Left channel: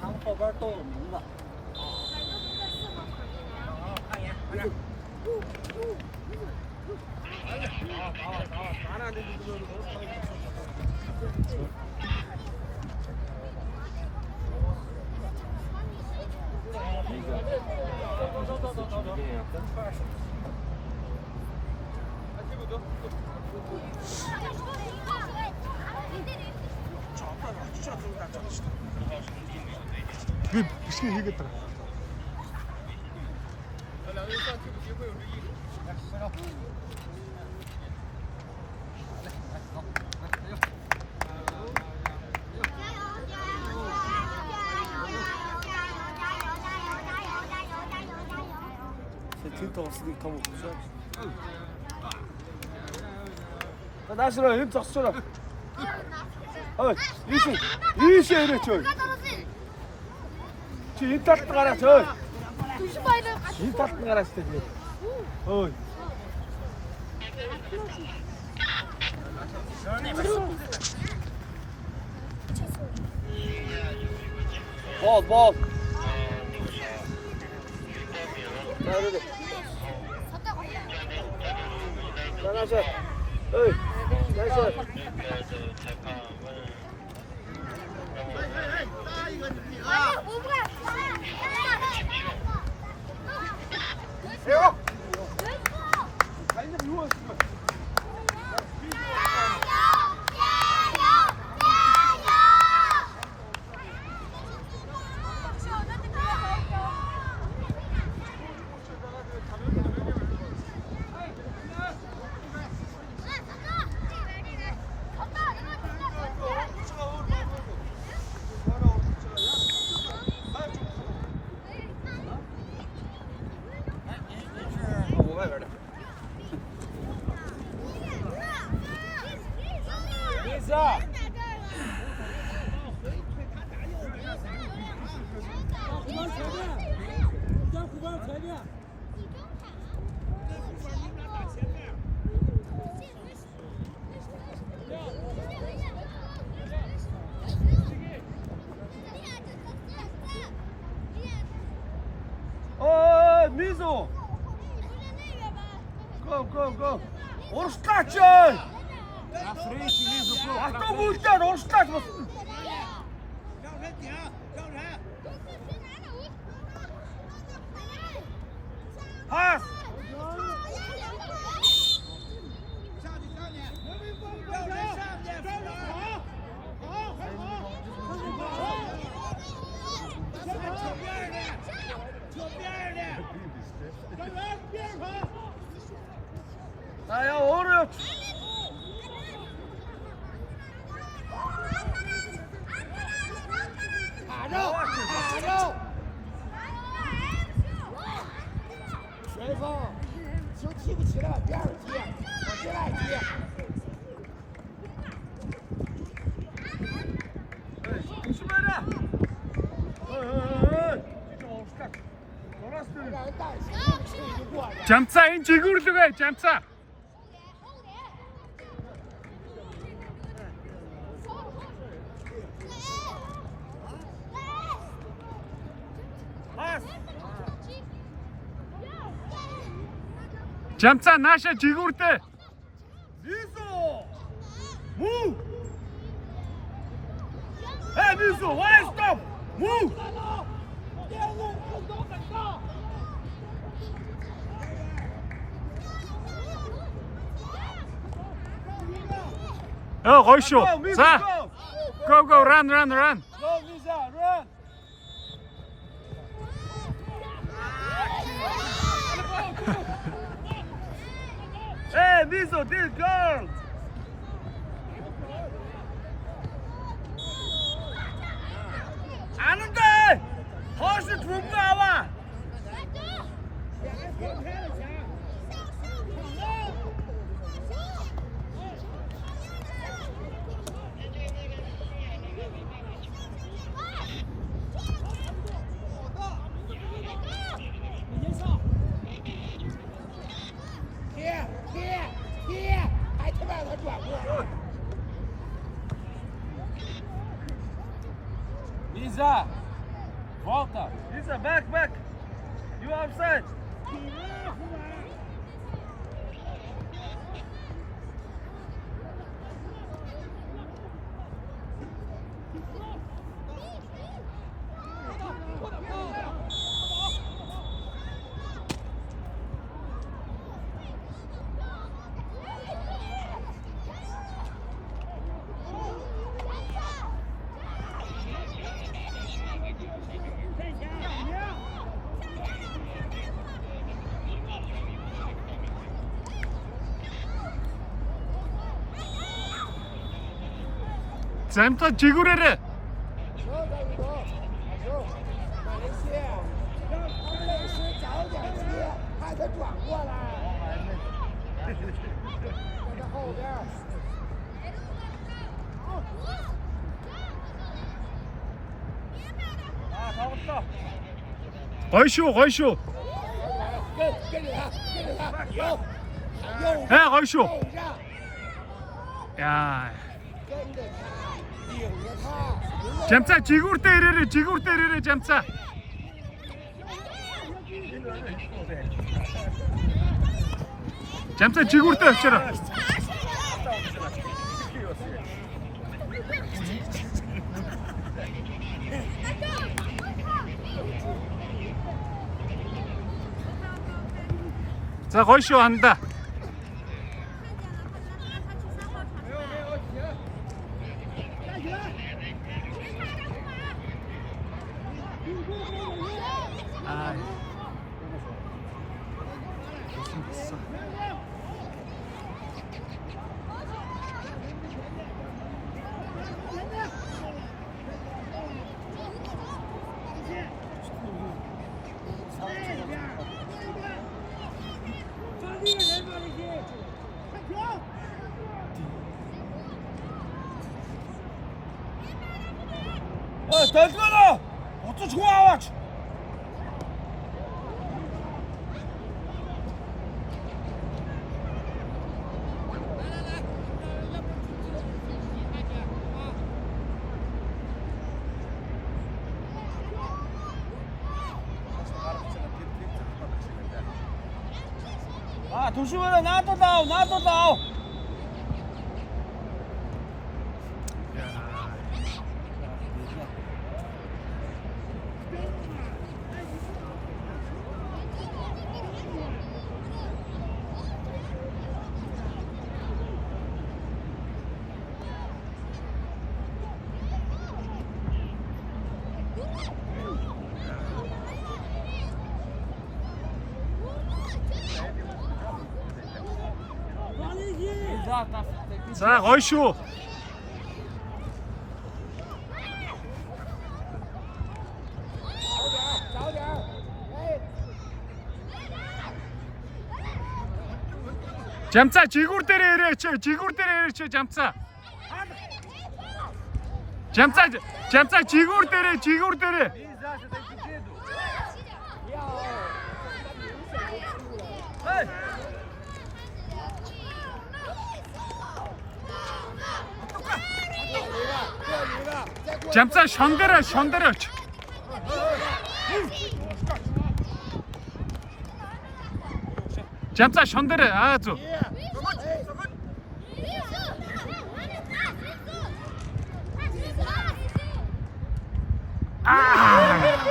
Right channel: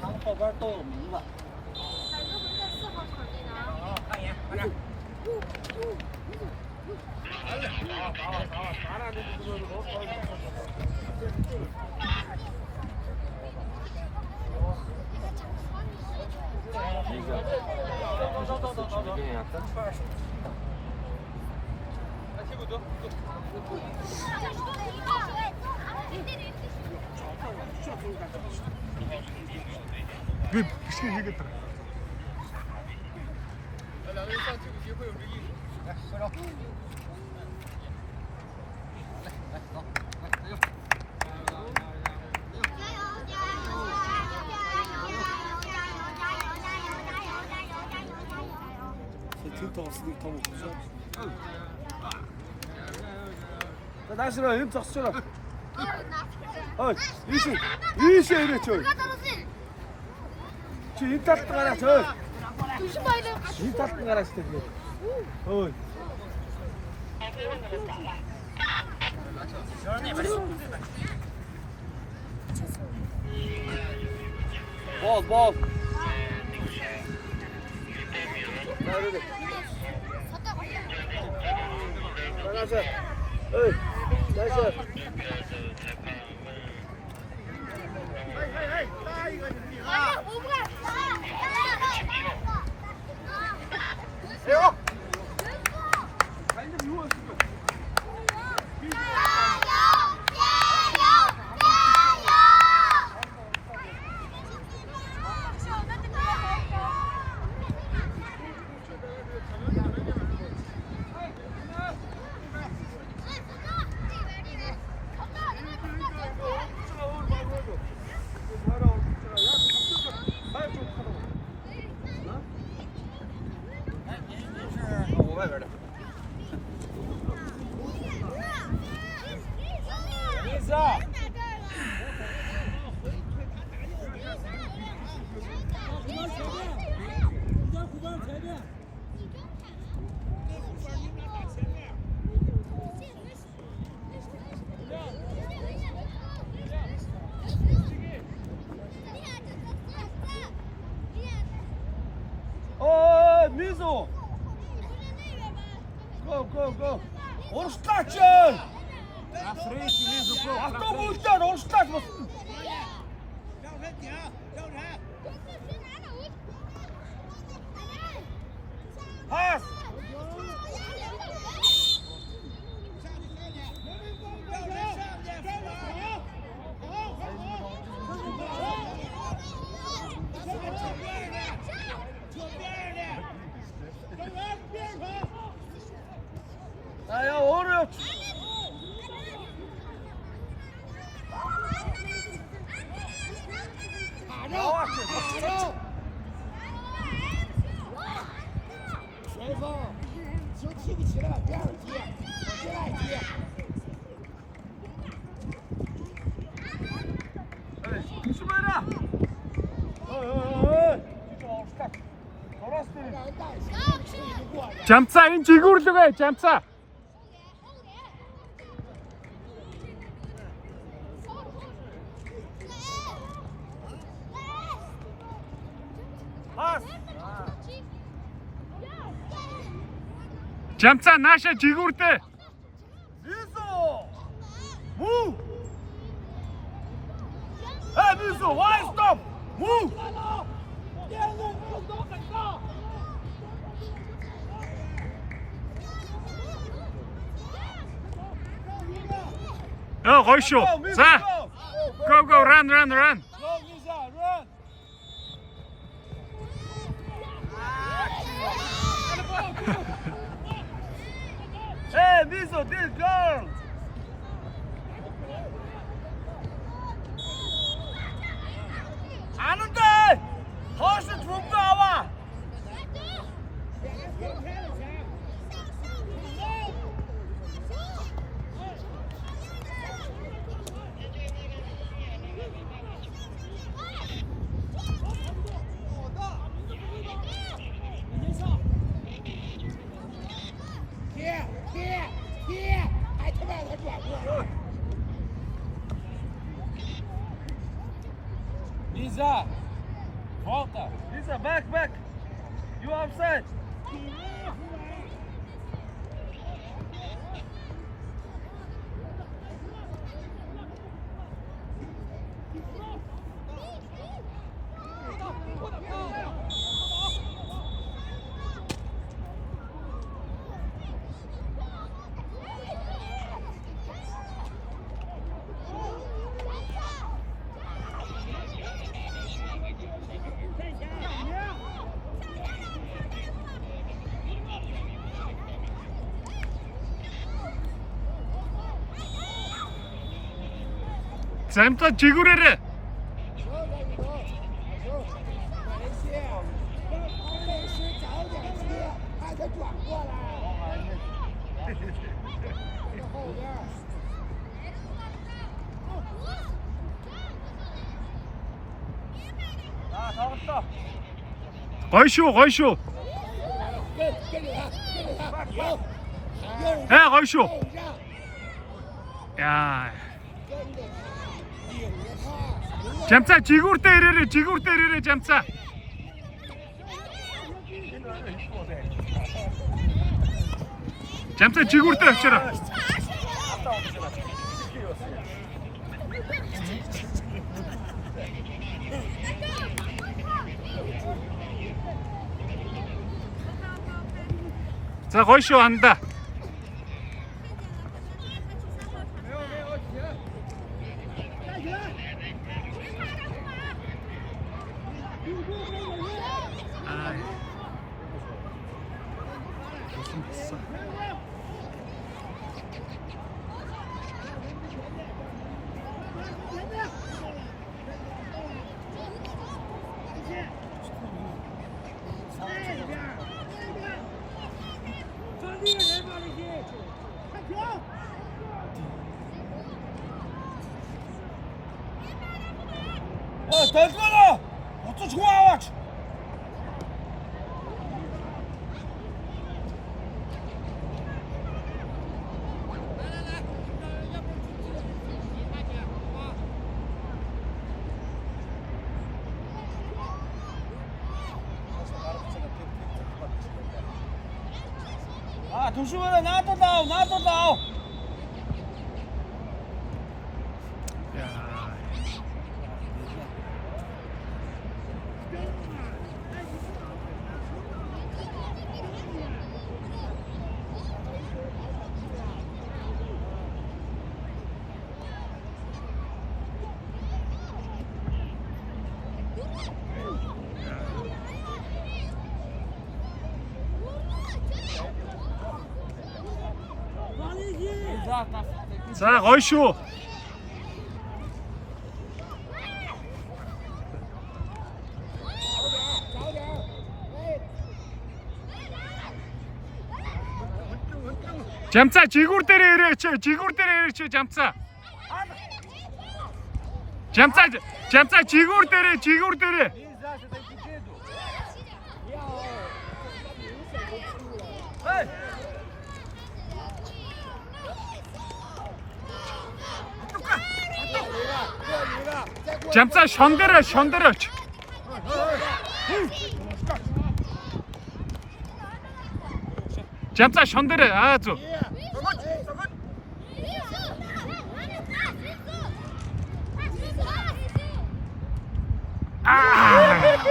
他们后边都有名字。看一眼，快点。走。来，屁股走。미치겠다. 两个人上替补席会有之一。来，快手。来，走，来，加油！나시라 힘 줬어라. 이시 이래 줘. 지 따뜻하라 저. 지 따뜻하라 시대. 어이. 뭐. 나이스. 어이. 나이스. 미소. Go. Orstać! Na frente, Liso, pô. A to musztar, orstać. Pas. 나야 오늘 알아 前锋球提不起来别着急往前来接조심해라 Jamca inci gurduga, Jamca. Jamca nasze jigurty. Move! Hey, Mizu, why stop? Move! Oh, koşu. Za. Go, run. Go, Miza, run! Hey, Mizu, this girl! Lisa. Volta. Lisa, back. You outside. 잠자 지구래래. 说再一个，说马来西亚，背时早点接，怕他转过来。在他后边。 거쇼.跟着他，有，右 에 거쇼. 右让， 야. 跟着他，顶着他。 잠자 지구를 때리래 잠자. 잠자 지구를 때려라. 자, 거쇼 한다. 아. 잘 쏘라! 어쩌 좋아! 아, 조심해라. 나도 다운. 야. 자, 거쇼. 잠자 지구를 때리래. 잠자. 잠자 지구를 때려. 잠자 손들어. 잠자 손들어. 아주. 아.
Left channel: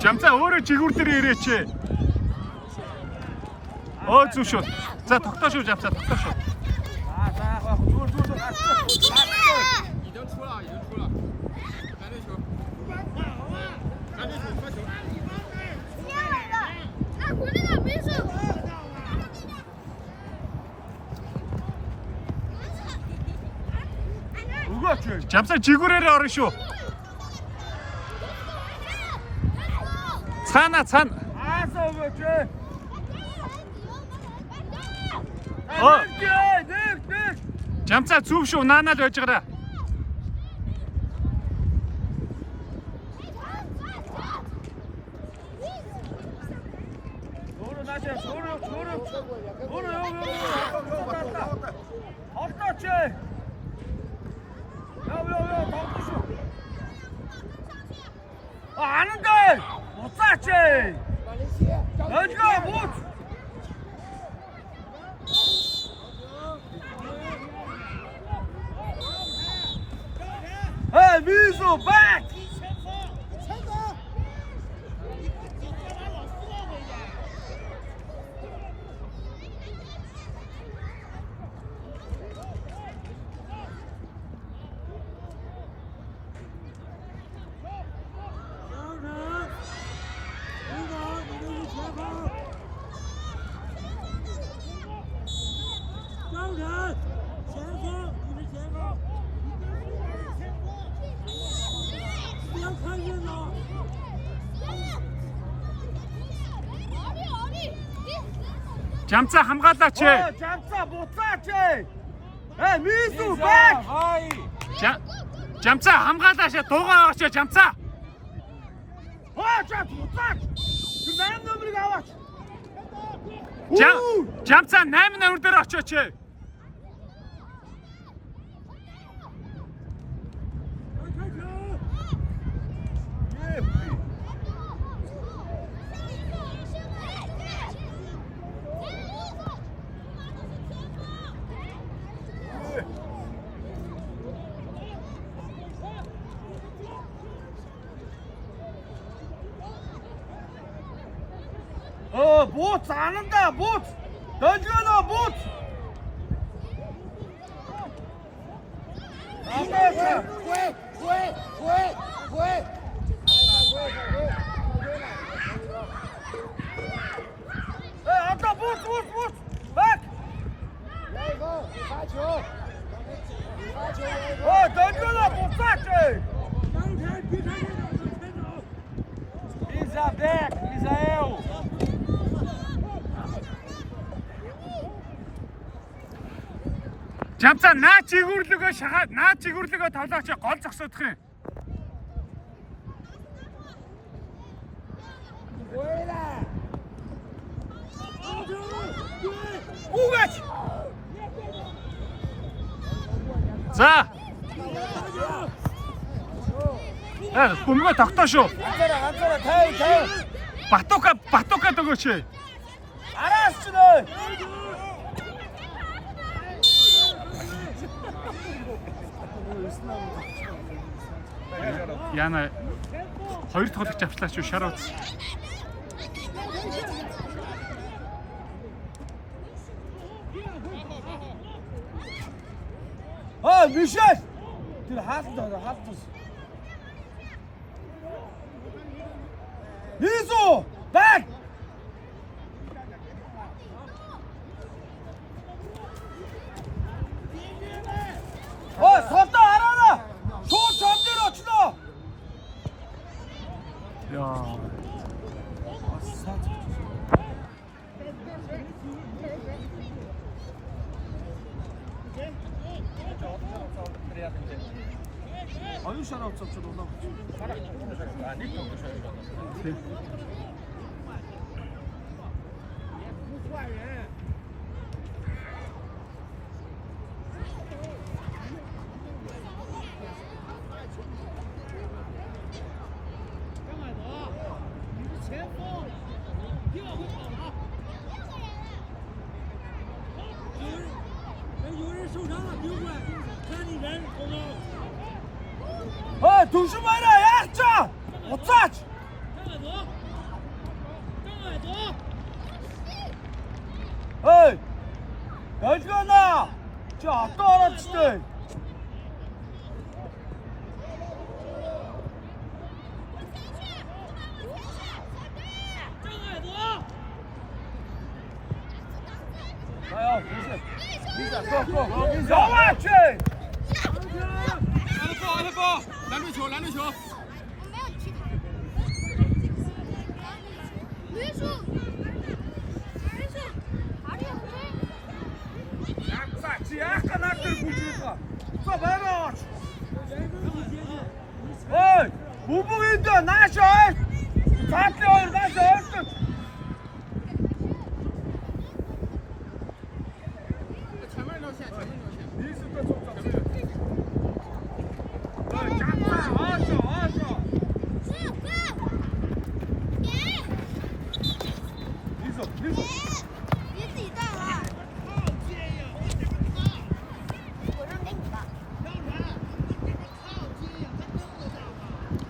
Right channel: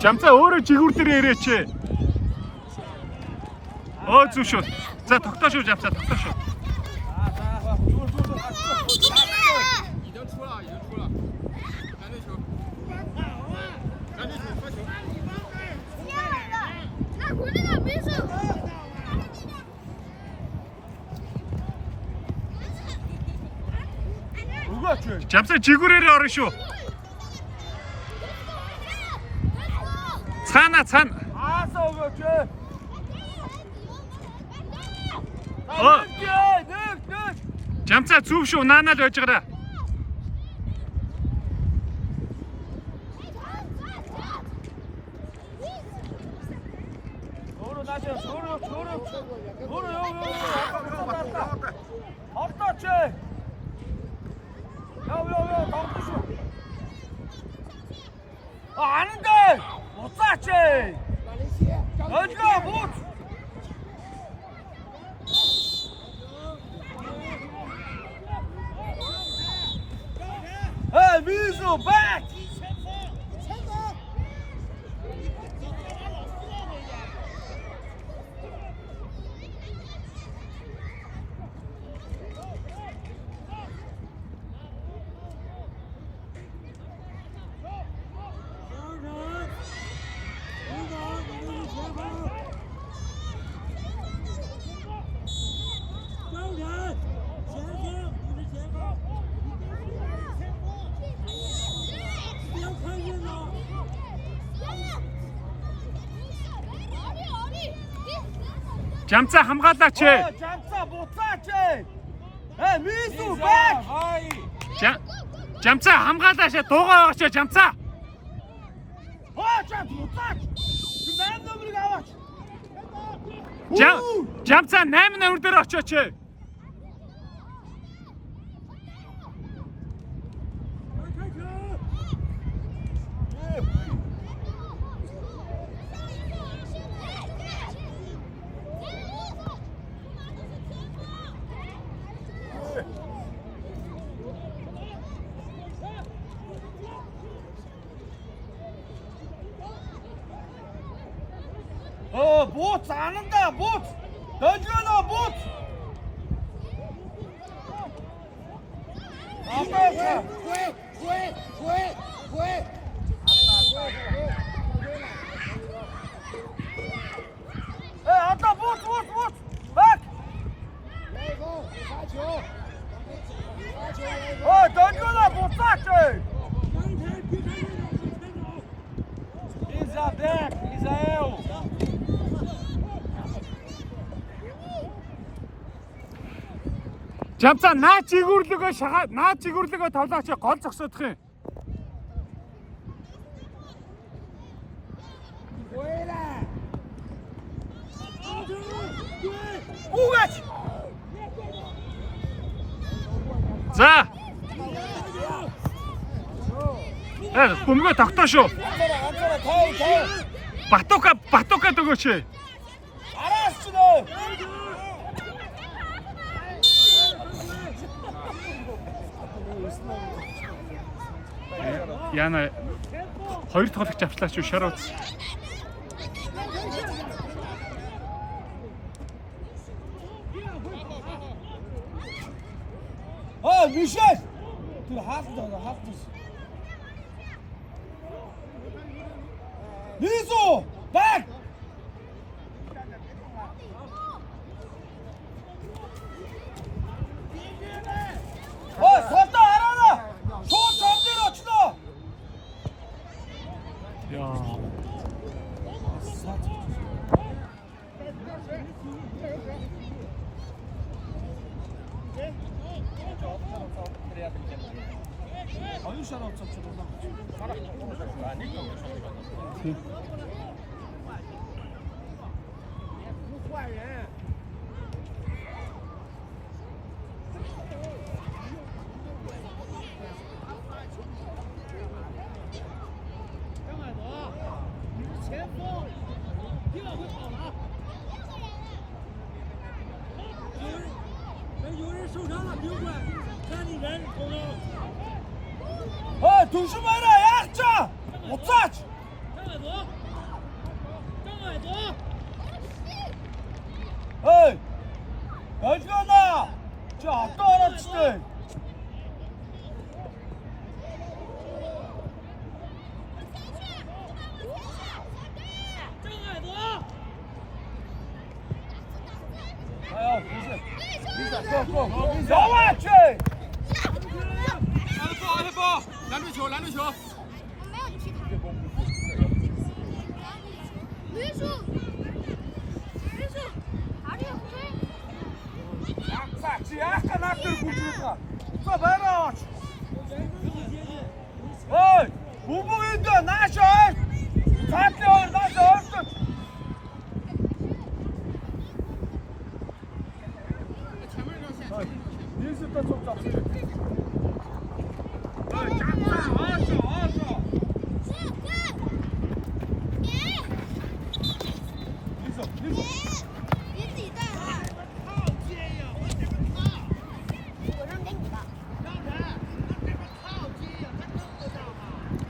잠자 오를 지구를 때리랬지. 주쇼. 자, 덕다쇼 잡자. 덕다쇼. 已经出了，赶紧发球。他回来了，没事。 잠자 지구를 어르쇼. 찬. 잠자 зүв шүү наанаа л байж гараа. Hey, Wiesel, back! 잠자 хамгаалаач. Jamsa, буцаач! Hey, Wiesel, back! 잠자 хамгаалаач. Дуугаа байгаач 잠자. Буцаач! Чи зарим номерыг аваач. 잠자 8 номер дээр очооч. Бууц ананда, бууц! Дожгоно, бууц! Quay. Ата, бууц! Back! 发球，Дожгоно, буцаач! Isa back, Isael! 잠자 наа чигүүрлөгөө шахаад наа чигүүрлөгөө тоглооч гол зогсоодох юм. 回来， Бугач! За. Бөмбөгөө тогтоо шүү. тай. Батука өгөөч. Араас ч нөө. Яна хоёр тоглогч авчлаач юу шар утас. Мишель! Тэр хаалттай. Низу! Back! Солдоо хараа! Шууд чамдэр очлоо! Яа. Аюу шараа уцaalч байна.换人。 조심해라, 약자! 어쩌지? 에이! 여지가나! 저 아까 알았지?拦住球！我没有踢他。绿树，哪里有黑？ 약사, 지 약간 앞을 보지.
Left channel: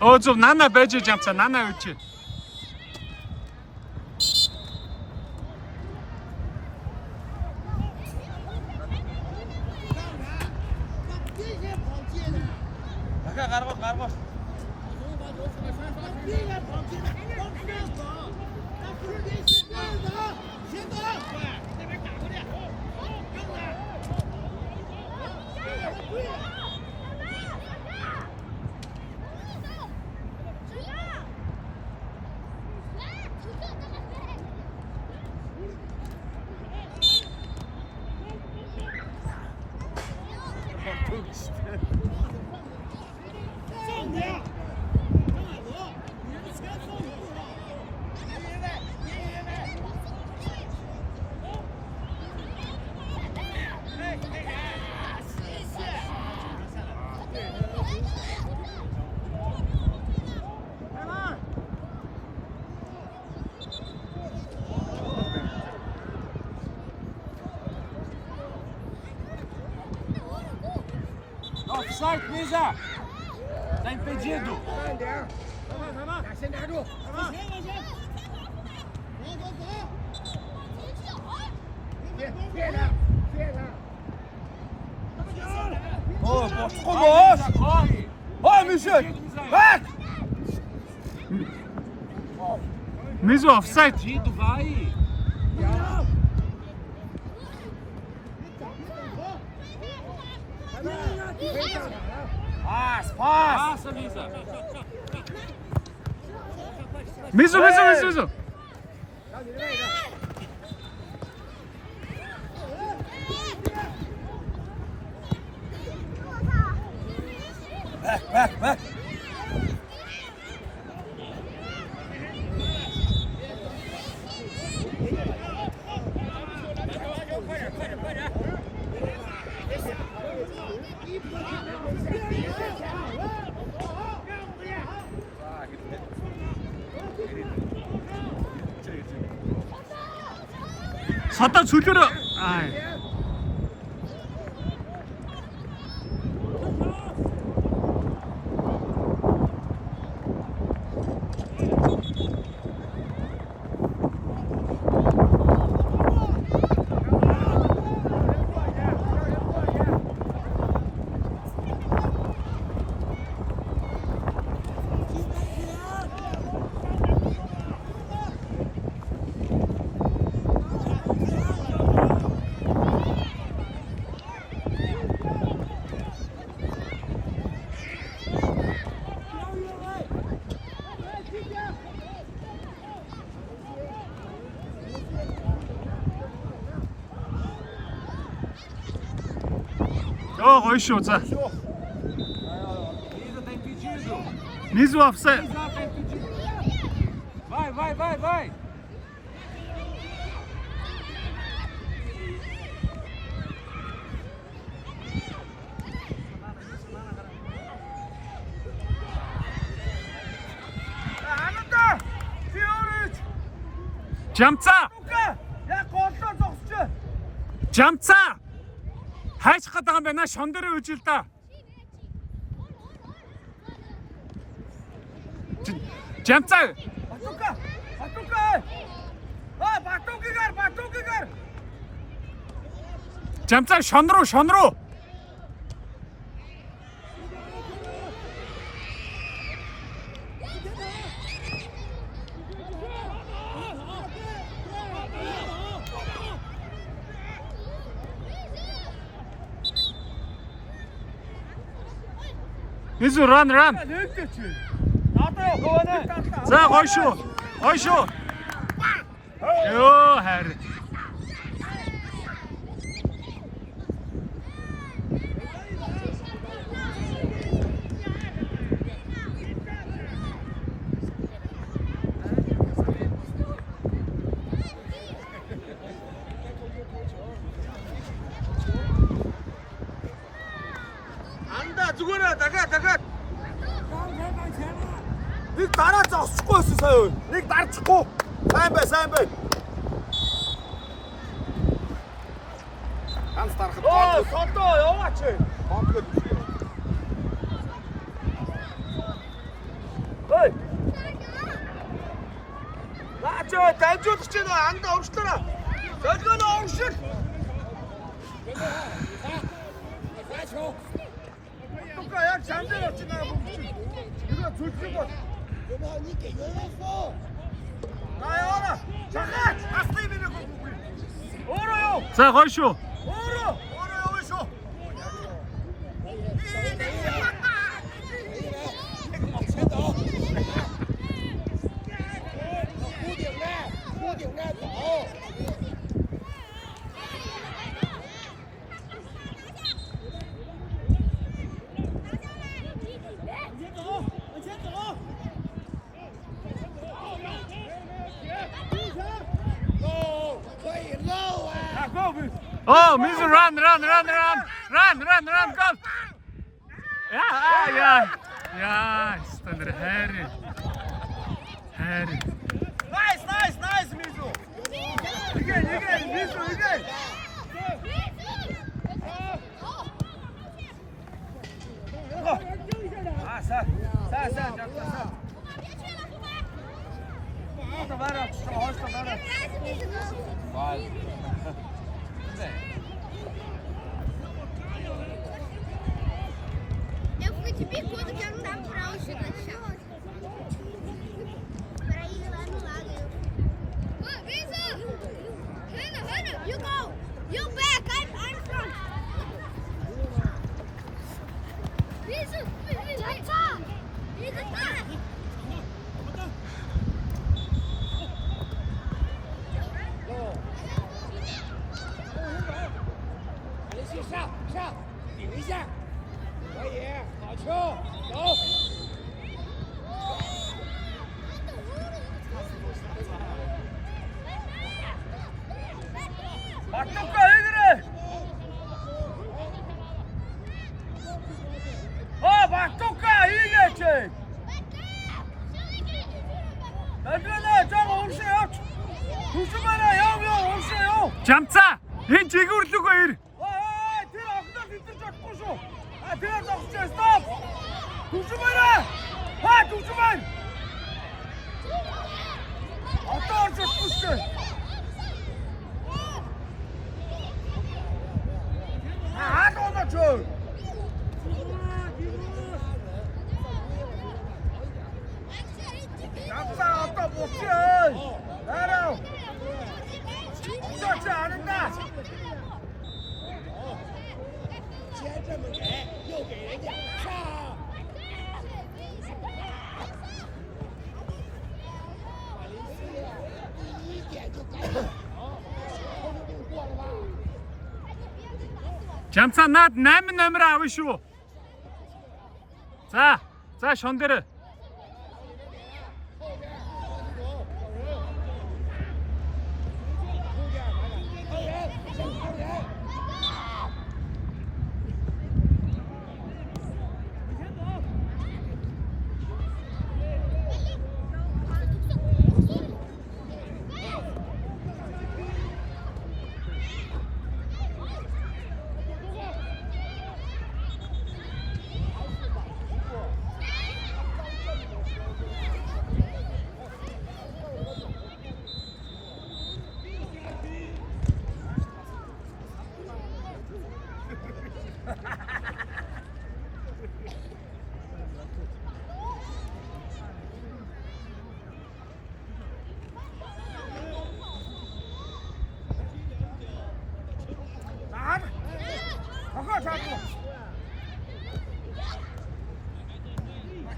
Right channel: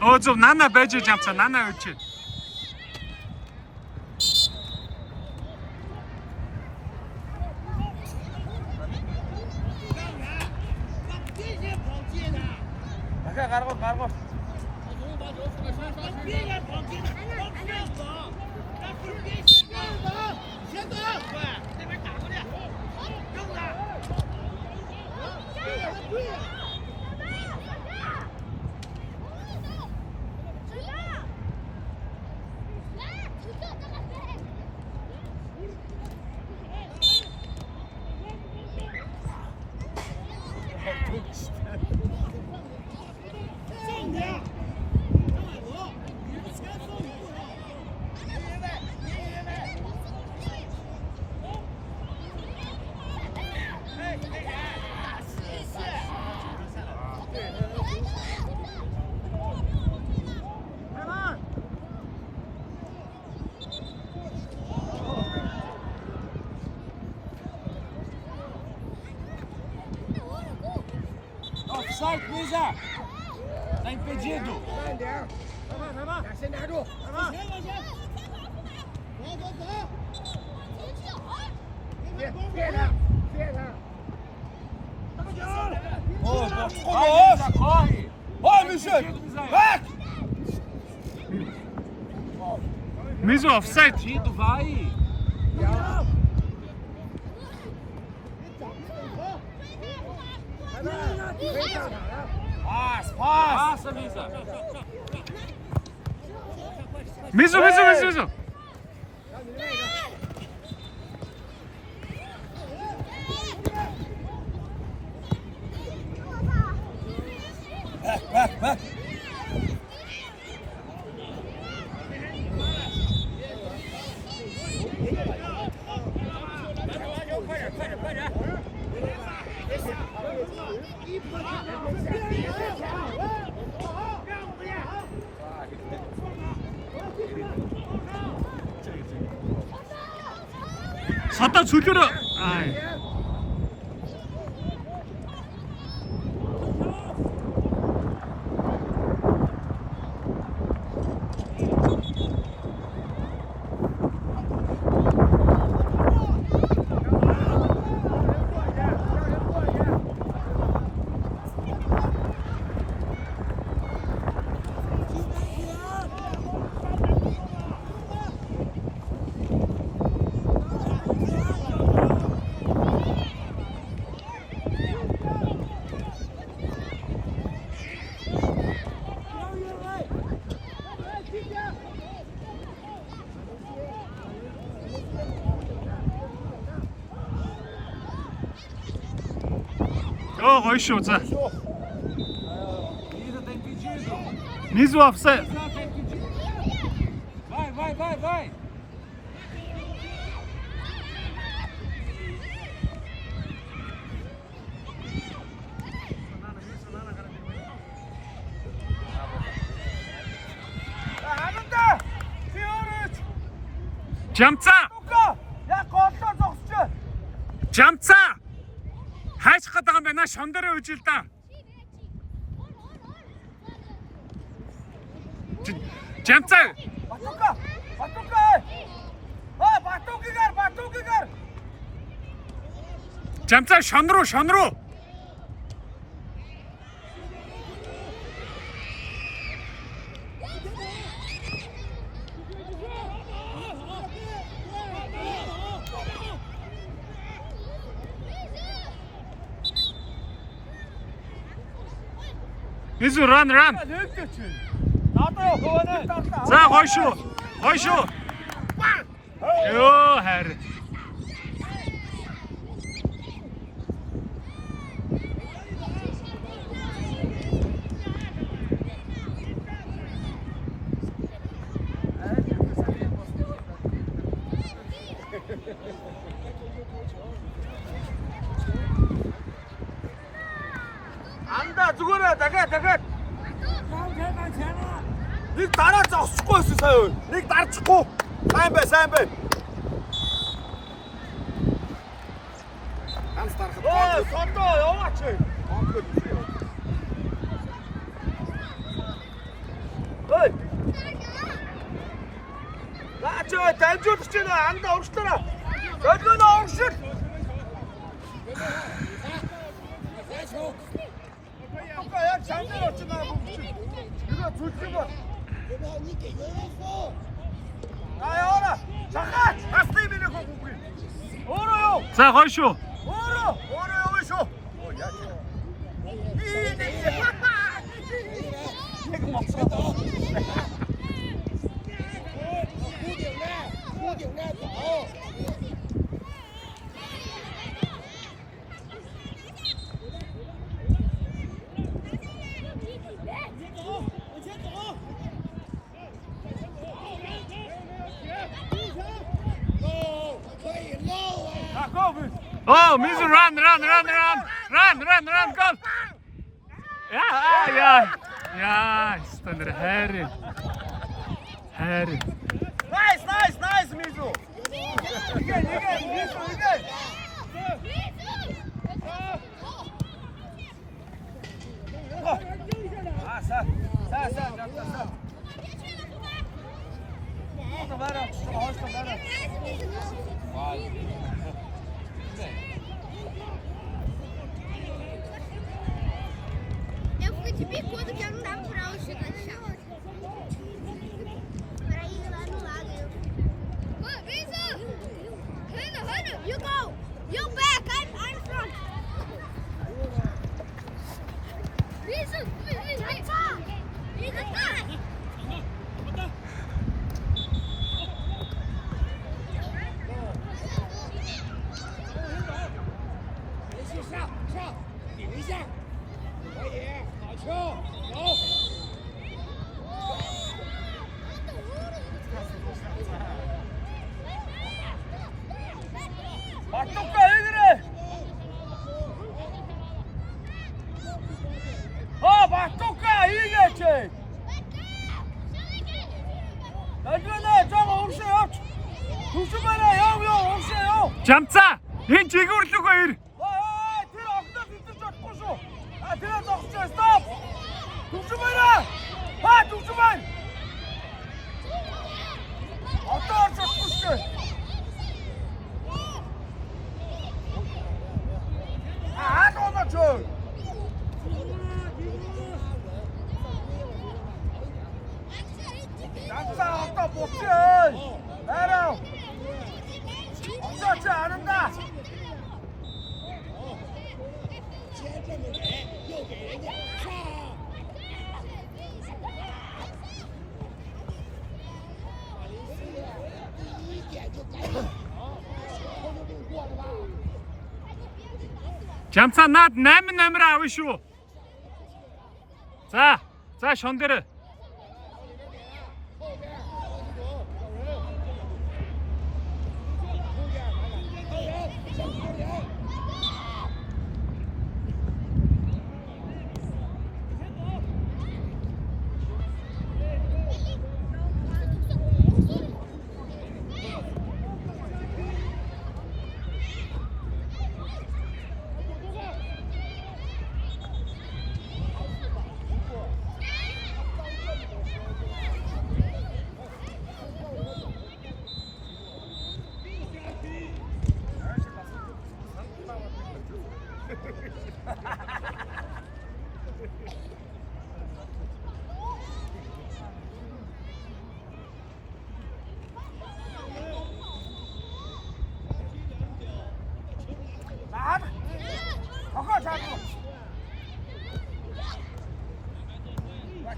Ozov nana байж jamца, nana өчи. Offside, Misa! Tá impedido!先拿住，别他，别他。 Vai, Michel! Vai! Mizu offside. Impedido, vai! Passa, Misa! Mizu. Vai! Сата чөлөөрөө. Аа. Гоё шүү за. Misa tá impedido! Mizu offside. Misa tá impedido! Vai! Jamца. Ya koltuğa zoksucu! Jamца. Хайчих гэдэг юм байна. Шон дээрээ үжил да. Jamца. Батука! Батукигаар! Jamца шон руу. Mizu run. За гоё шүү. Йоо харин. 안다 죽어라 дахиад нэг дараа зогсохгүй байсан сая. Нэг дарчихгүй. Сайн бай. Ганц дарахад Содоо яваач. 저 단조 듣잖아. 안 나오시더라. 저거 나오시. 罚球， 똑같야 장난 없지 나. 有没有？你给袁文峰。 나야. 잠깐. 아스테이비를 거고 우리. 뭐로요? 자, 거이쇼. 뭐로요? 어디서? 可以了，前走，弧顶着，弧顶着走。 Oh, Mizu, run, go! Ja, stand er herre. Herre. Nice, Mizu. Again, Mizu, again. Eu fui te bicudo que eu não dava pra o chute de chão. Pra ir lá no lado. Hannah, you go. You back. I'm front. He's a back. 连续上，顶一下，可以，好球，走。 잠자! 얜 지구르려고 해! 잠자 나 내면 아위쇼. 자, 션데르.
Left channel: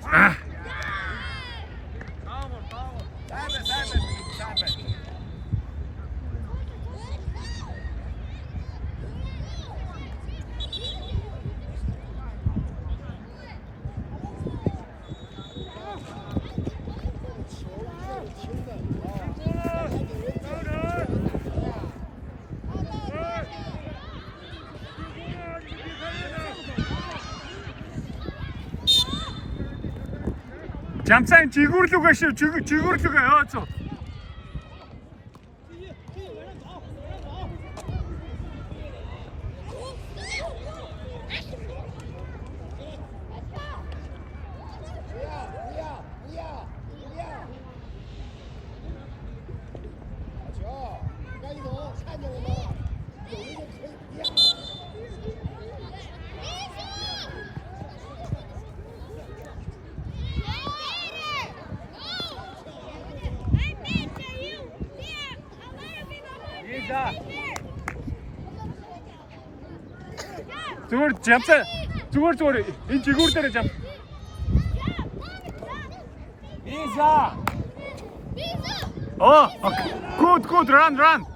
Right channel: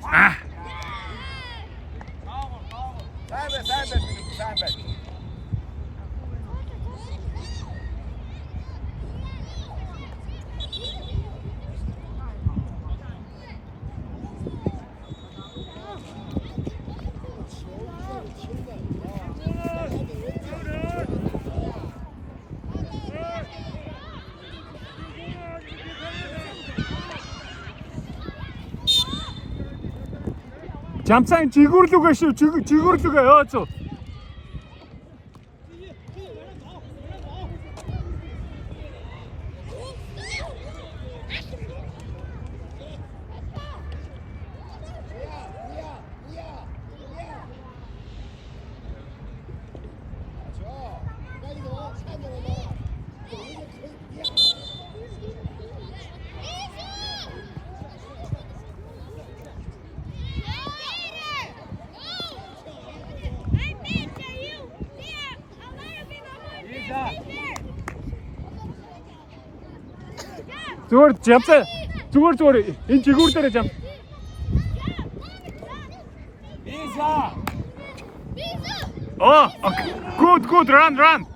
아. 잠깐 지구르려고 했어요. 지구르려고 해요. 저. Зүгээр жамцаа. Зүгээр энэ жигүүр дээр жам. Visa. Oh, okay. Good, run.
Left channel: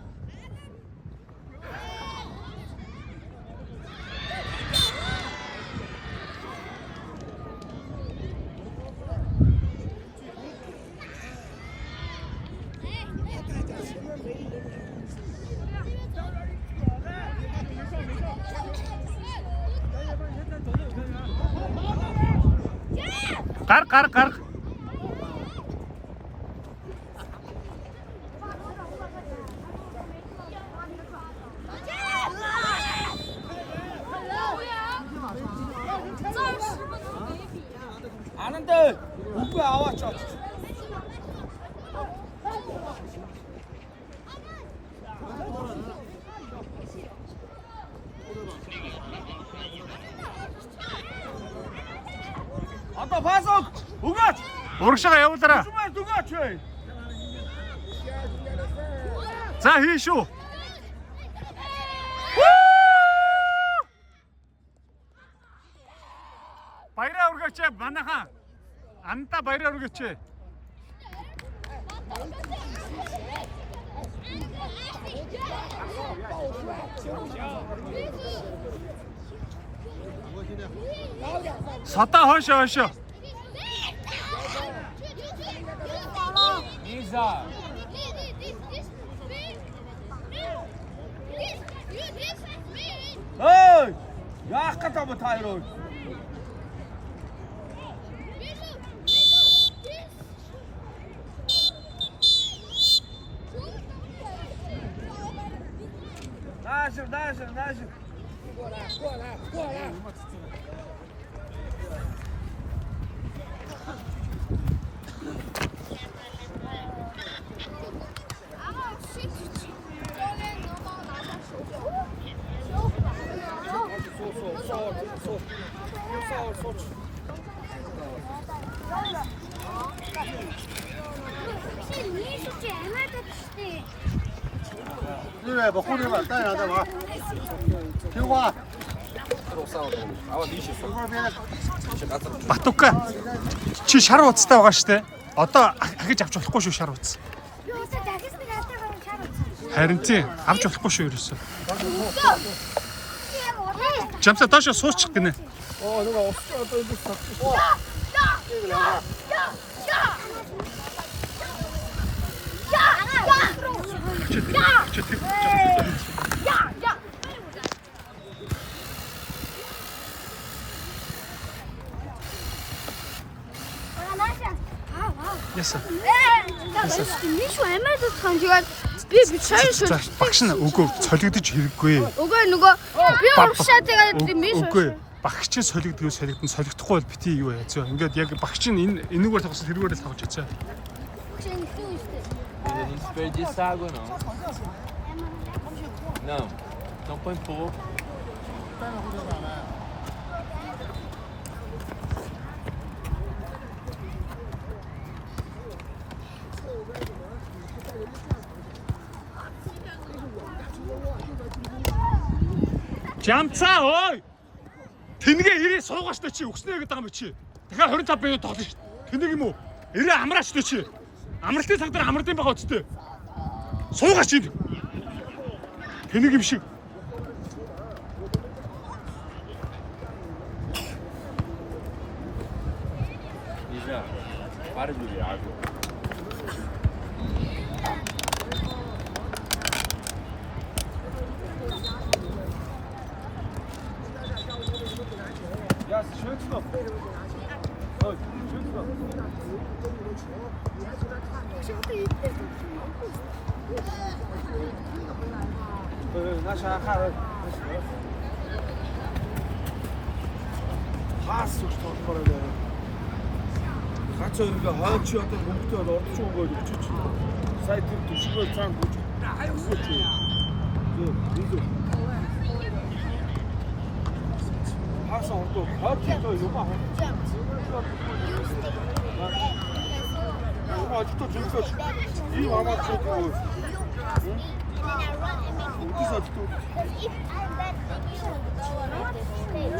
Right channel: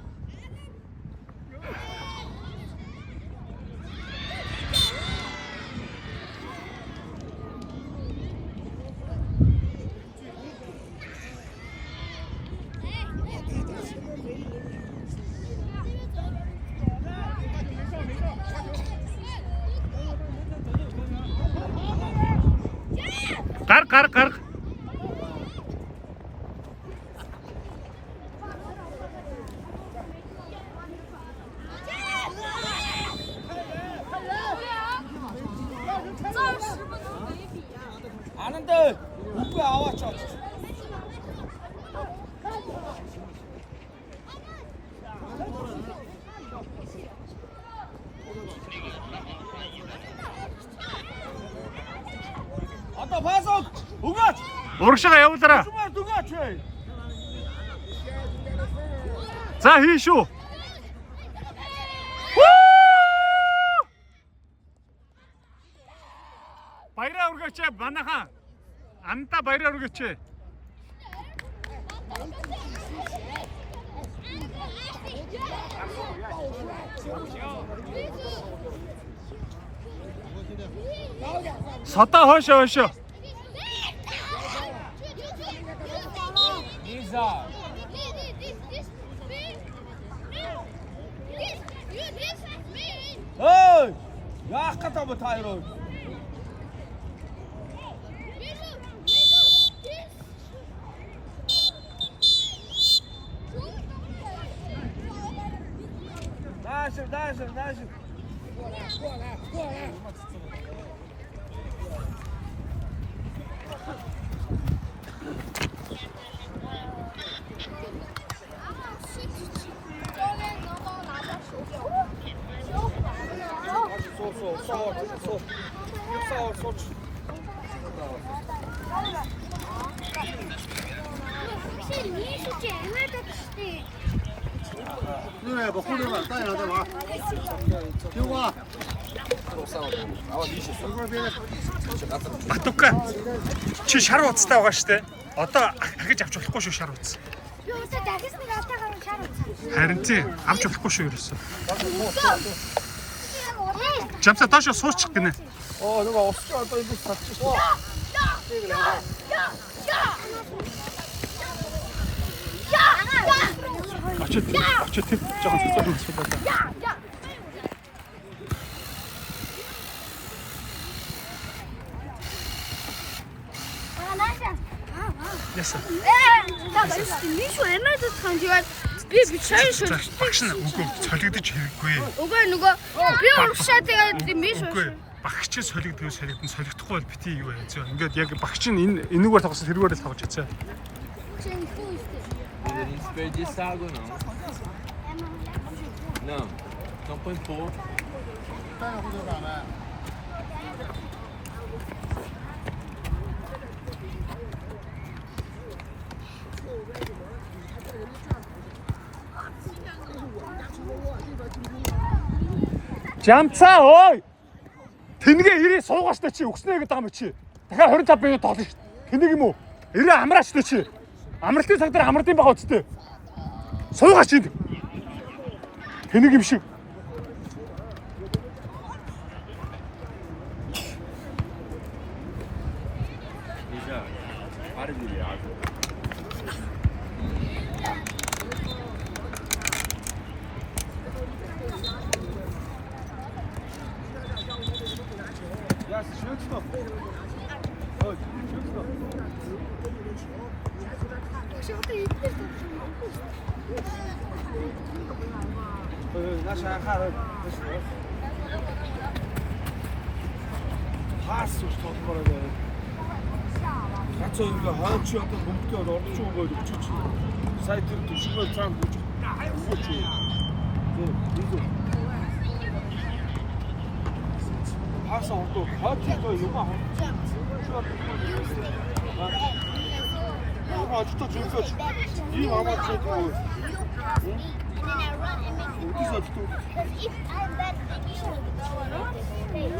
Гар. 아는데 웃고 아와쳐. 아빠 봐서 우가. Урагшаа явуулаарай. 누가? За хий шүү. Баяраа өргөч манайхан. Амта баяраа өргөч. Сата хойшоо. Visa. Ой! Яах гэдэг юм та хоёр? Дальше.过来。是你是姐妹的事。因为把护领往干上干嘛？听话。 Батука. Чи шар уцтай байгаа штэ. Одоо ахиж авч болохгүй шүү шар уц. Юу ч дахиж надад шар уцаа. Харин тийм авч болохгүй шүү ерөөсөө. Жамсаа доош суучих гинэ. 누가 없어 또 이거 잡지. Очоо тийм жоохон Яасан. Миш эмээд санжаад би бичсэн шүү. За багш нь үгүй солигдож хэрэггүй. Үгүй нөгөө би уушаа тэгээд миш. Үгүй багш чинь солигдгоо солигдохгүй бол бити юу яа зөө. Ингээд яг багш нь энүүгээр тоглосон тэрүүгээр л тоглож яцаа. Não desperdiça água, não. Não, então põe pouco. Жамцаа ой. Тэнгээ ирээ суугаач та чи өгснэ гэдэг юм чи. Дахиад 25 минут тоглоно шүү. Тэнийг юм уу? Ирээ амраач та чи. Амралтын цаг дээр амралтын бага үсттэй. Суугаач юм. Тэнийг юм шиг. Isa, para de água. 야, 셔츠다. 셔츠다. 나 шахаар. Хаас ууштай болоо. Хацаа ингээ хаач одоо хөнгөтэй ордч байгаа гэж чи. Сая тэр төшгөө цаан бүж. Өгөөч. Зөө. Хаас ордоо хаач одоо юм аа. Юу ажилтаа зүйлсэж ийм амаач гэдэг. then I run and make the ball. Because if I'm that big, you like this stage.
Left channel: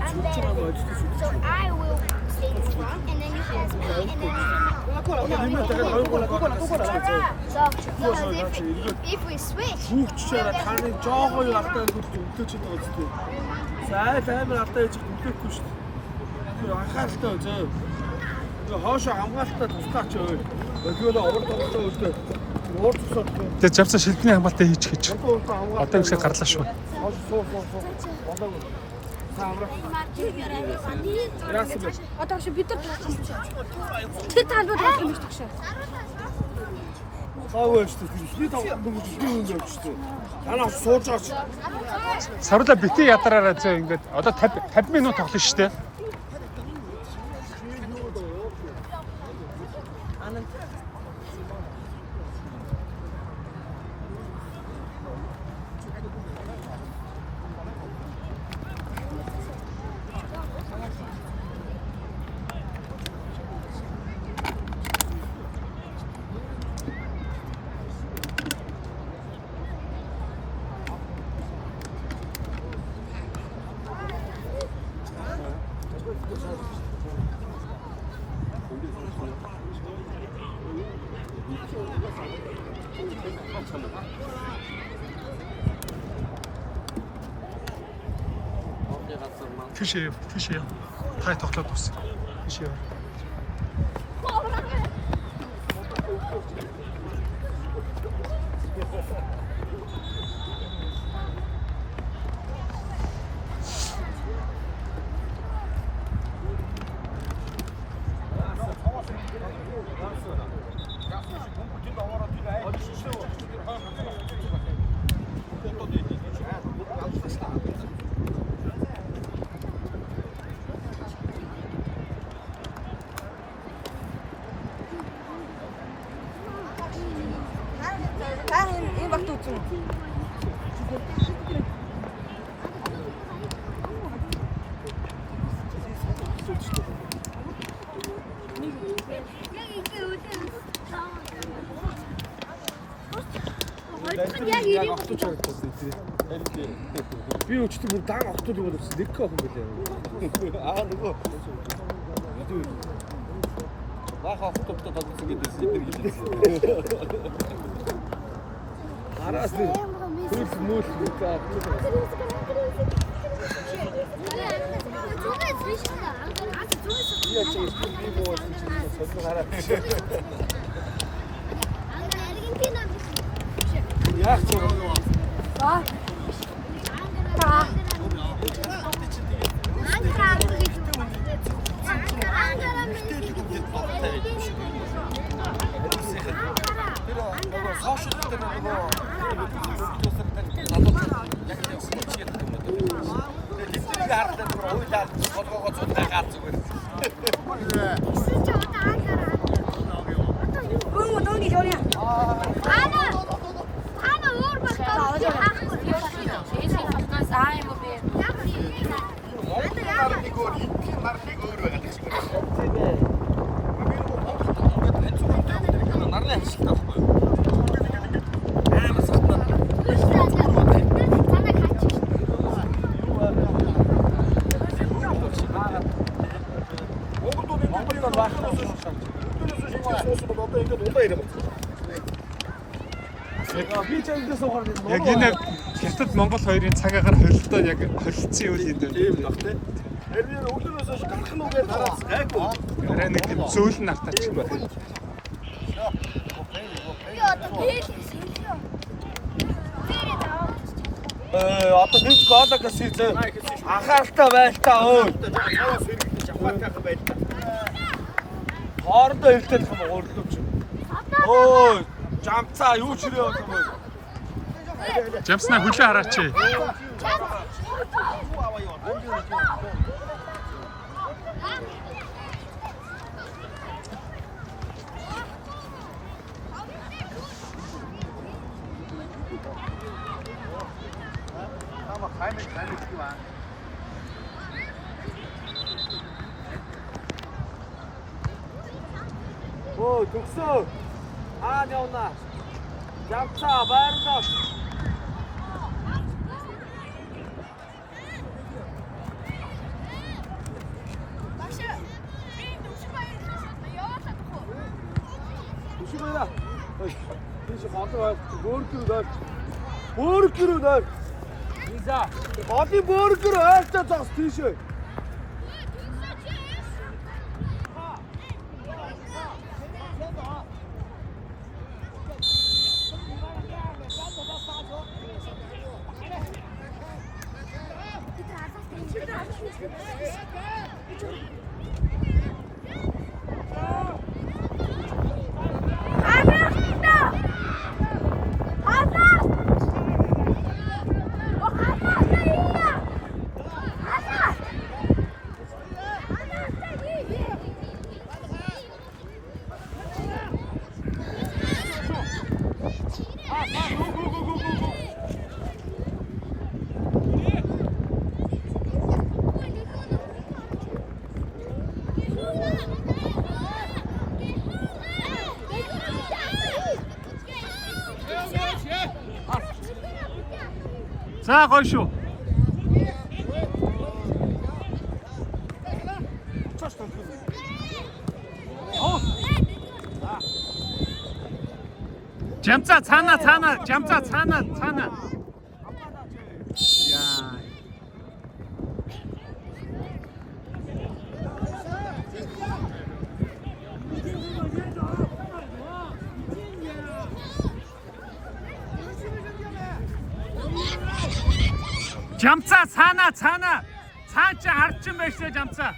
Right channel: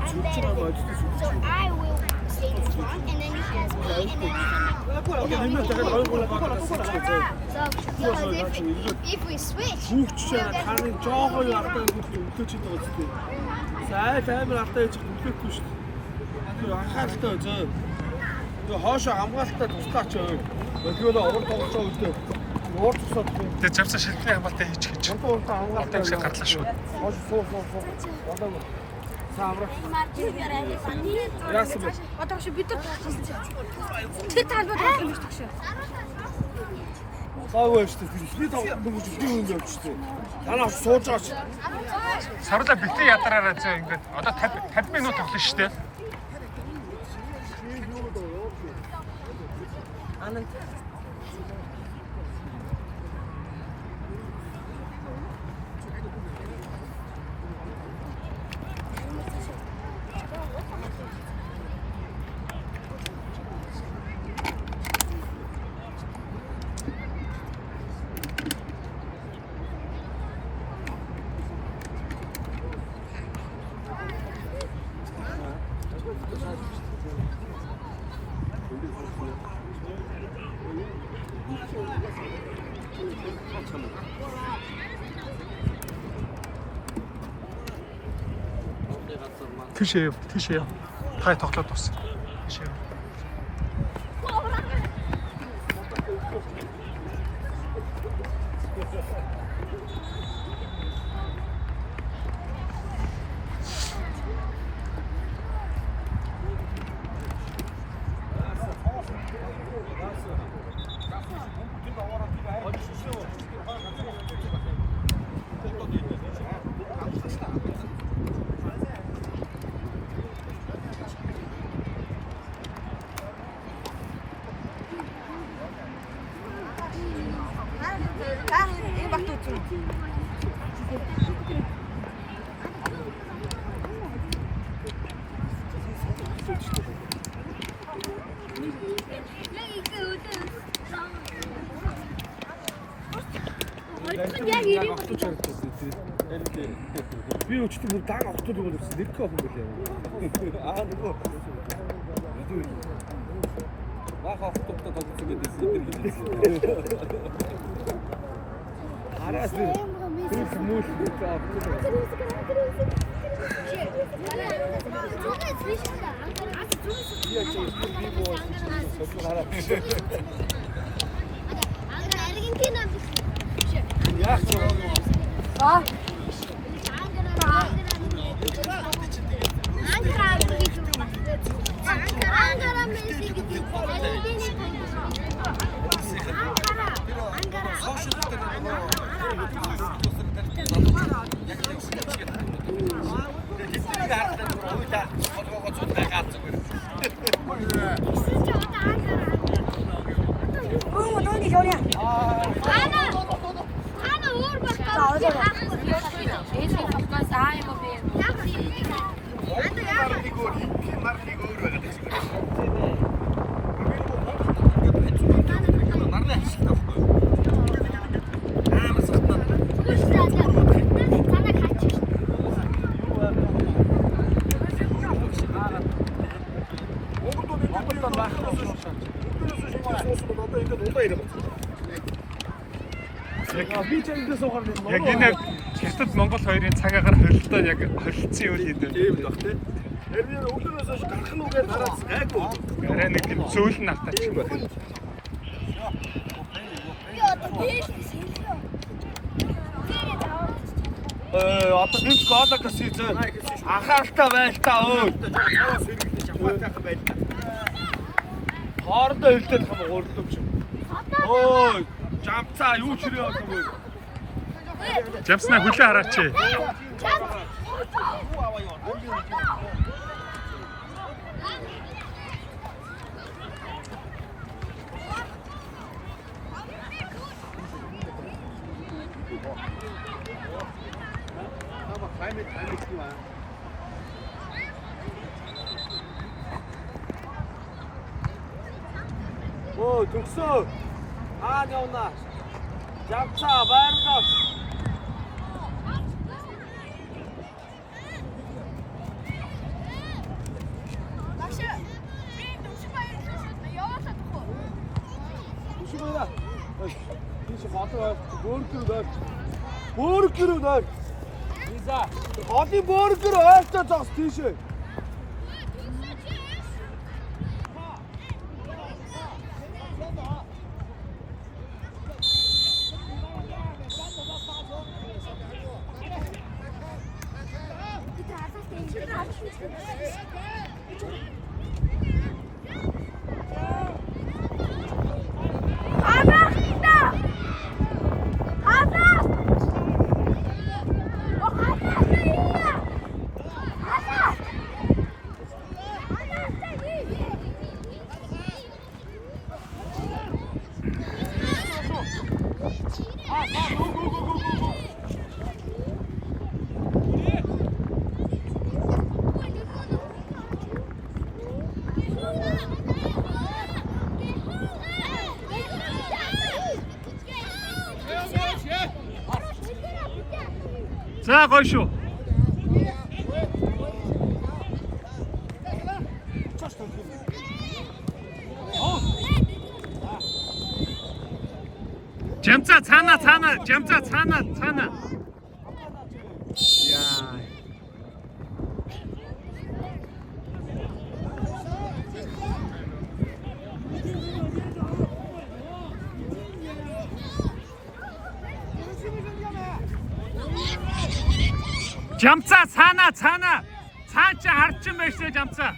I'm that big. So I will stay in front, and then you pass me, and then if we switch, Хүүхчээрээ таны жоогоо юу алдаа үлдээч байгаа ч тийм. Зайл амар алдаа яж үлдээхгүй шүү дээ. Тэр анхааралтай зөө. Тэр хоошоо хамгаалтаа туслаач өө. Өглөө овор тоглож байгаа үедээ уур тусаад тийм. Тэгээ Жамсаа шилдний хамгаалалтаа хийж гэж. Одоо Ихтэй гарлаа шүү. Суу. Болоогүй. Саамрах. Яасан бэ? одоо чи бид нар тэр талбайд юм шүү дээ. Гавь шүү дээ. Би тоглож би үнд явчихсан. Танаа сууж байгаа ч. Саруула битээ ядараараа зөө ингээд одоо 50 минут тоглоно шүү дээ. Тийшээ. Та тоглоод дуусна. Тийшээ. Би өчтөр бүр даан октод бол өчсөн нэг охин билээ. Аа нөгөө. Баха октод тоглосон гэдэг эдэр хэлсэн. Араас нь мөл Яг энэ хятад Монгол хоёрын цаг агаар холилдоо яг холилдсон юм ийм дээ. Тийм бах тий. Харин өглөөс хойш гарах нь үгээд хараад гайгүй. Арай нэг тийм зөөлн автаа ч юм байна. Одоо нэг гоолоо гэсэн анхааралтай байлтаа өө. Хоорондоо хэлдэг юм гоорлоо ч. Өө, жамцаа юу ч ирээ одоо мөн. Жамснаа хүлээ хараач. Өө, төгсөө. Аа явна. 잡자 바른다. Bakşı. Benim de uçmayı düşünüyorum. Yavaş at oku. 조심해라. 뒤에 맞아. 머리끼리다. 머리끼리다. Lisa. 어디 머리끼리 진짜 자 뒤에. 자, 걸쇼. 점자 차나. 점자 차나. 야. 점자 차나. 차자 harçın beşte 점자.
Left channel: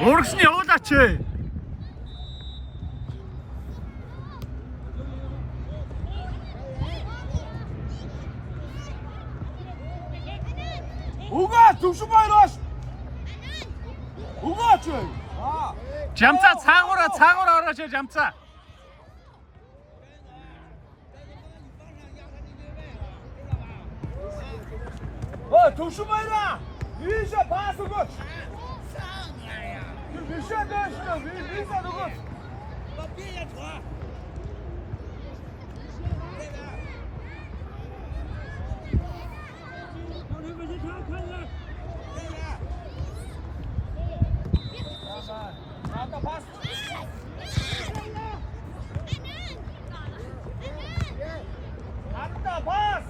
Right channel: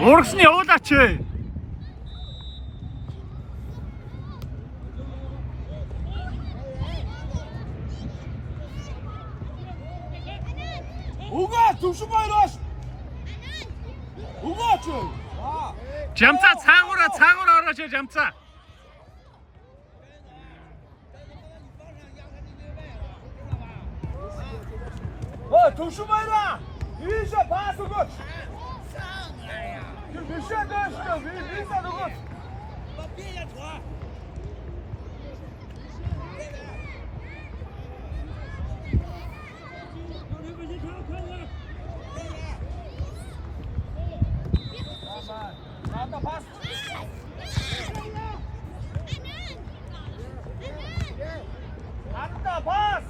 Orası ne o da çi? 우가 조심해라. 우가 쟤. 점자 창으로 알아서 점자. 조심해라. 위에서 봐서 그. 위에서 됐어. 위에서 누구? 나다 봤어. 안다 봤어.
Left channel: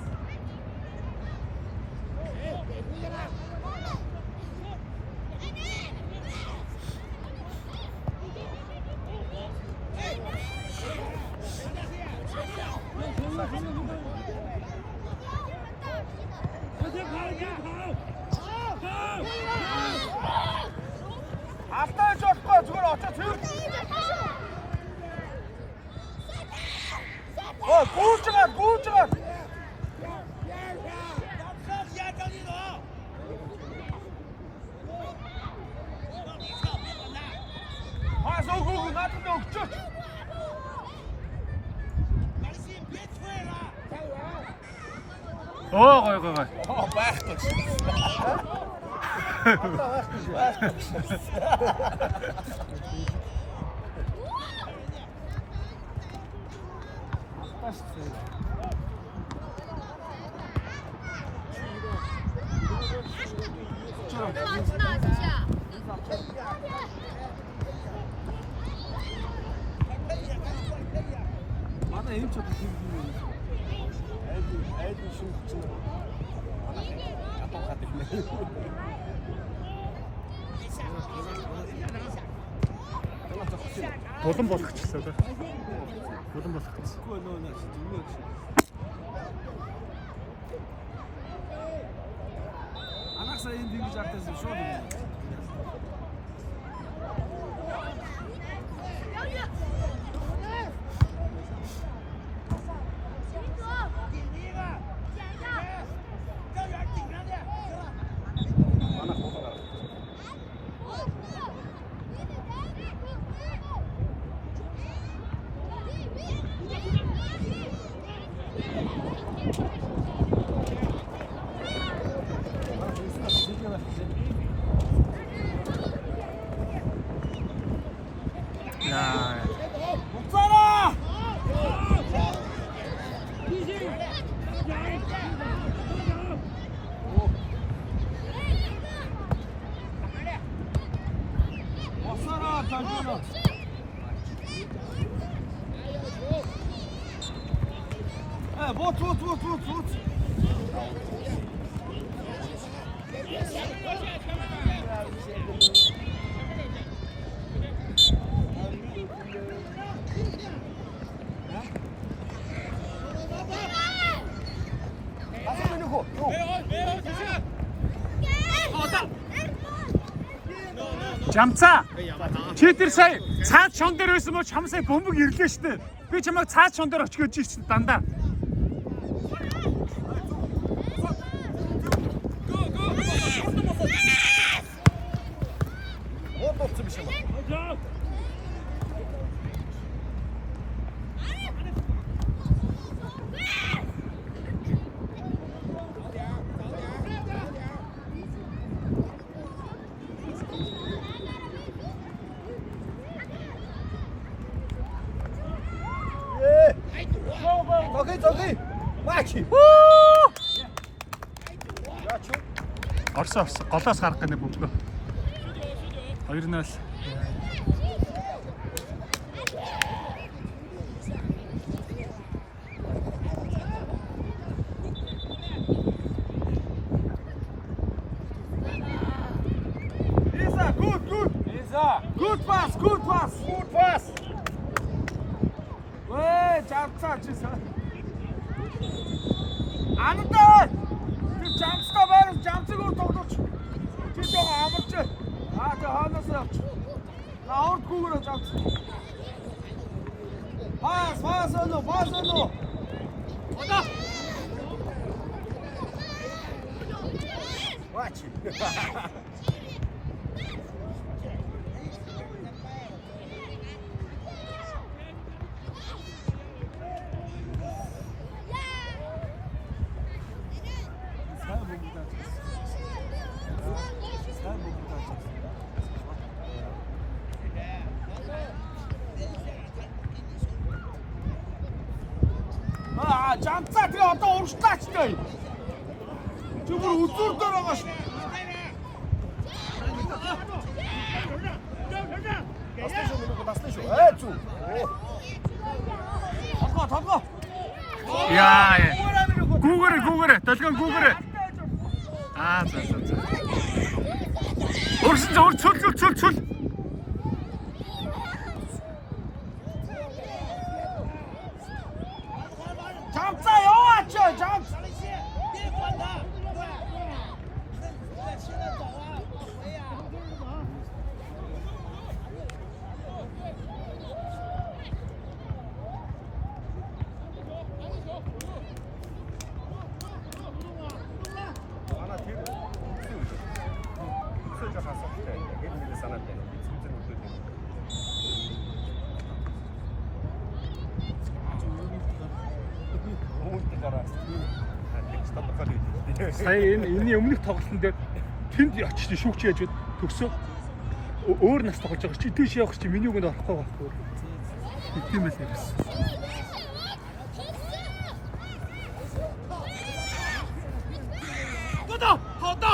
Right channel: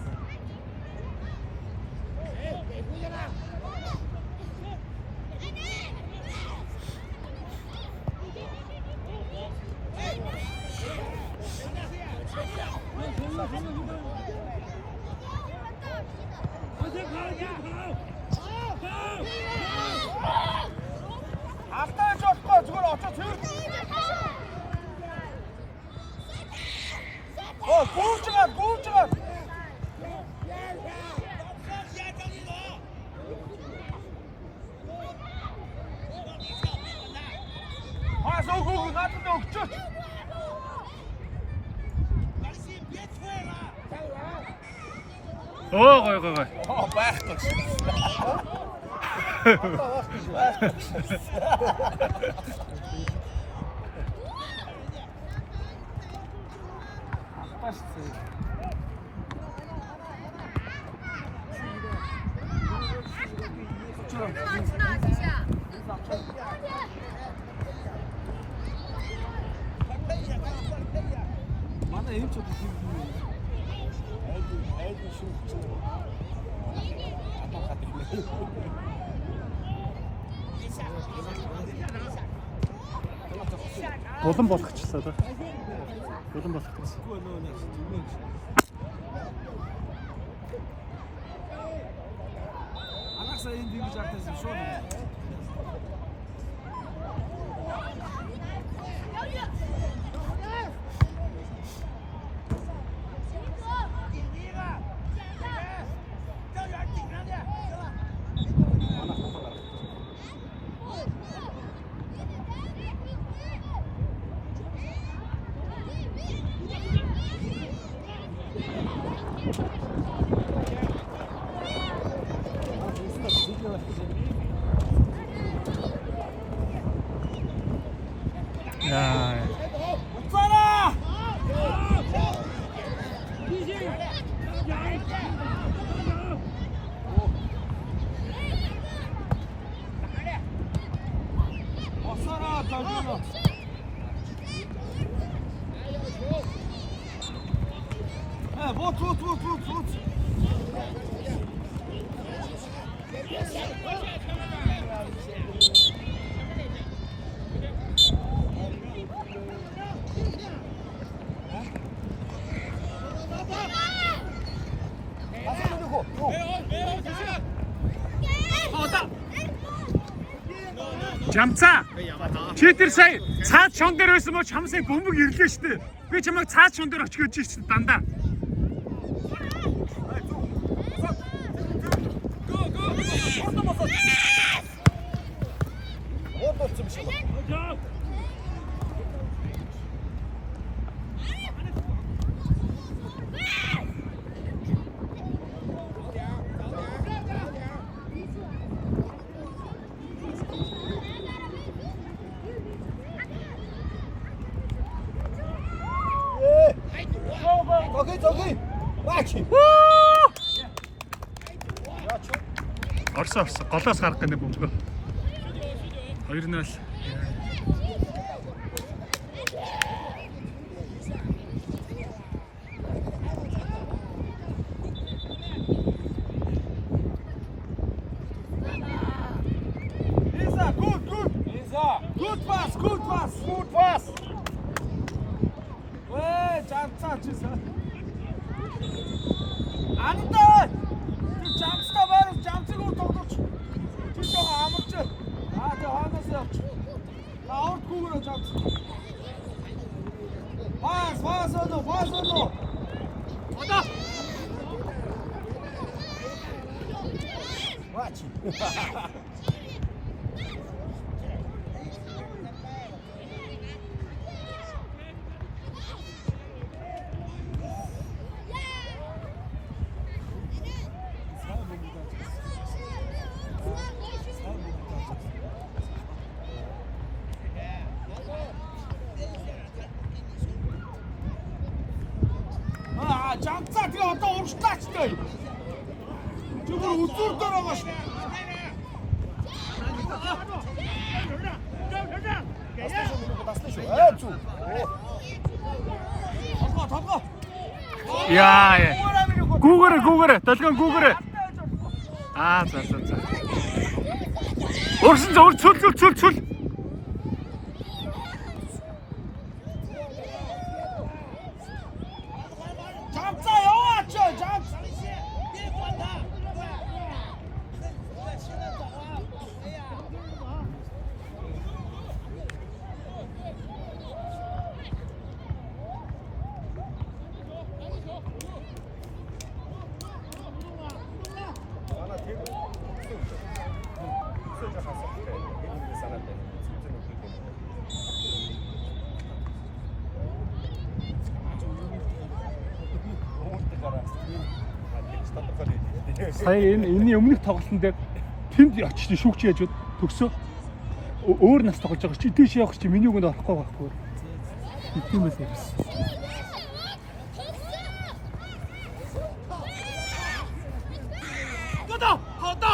앞다리 쳤다. 저걸 어쩌지? 구우증아. 아, 소구 나쁜데 없죠? 거기. 나는 A쳐도 기분이. Болон болох ч гэсэн одоо. Болон болох гэсэн. Анхаарсаа энэ дингэж актасан шүү. 야. 목사라! 목사라, 잘 들어. Вот. Жамцаа. Чи тэр сая цаад шон дээр байсан бол чам сая бөмбөг ирлээ шүү дээ. Би чамайг цаад шон дээр очих гэж ирсэн дандаа. 저기. 마치. Орсон. Голоос гарах гэнэ бөмбөг. 2-0. Good pass. 왜 잠깐 치사? 안 돼. 그 잠수가 바로 잠수고 똑똑. 뒤쪽 아무렇지. 저 하면서. 아웃 구으로 잠수. 파스너. 왔다. 마치. 잠깐 들어갔다 오르시다 진짜. 저걸 우쭐 돌아가시. 잠깐. 야, 예. 구글에. 달간 구글에. 아, 자. 진짜 우리 출. 잠깐 영화죠. 잠깐. Сая энэ өмнөх тоглолтын дээр тэнд очиж шүүгч яаж төгсөө өөр нас тоглож байгаа чи дээш явах чи миний үгэнд орохгүй байхгүй. Тийм байсан юм. 호다.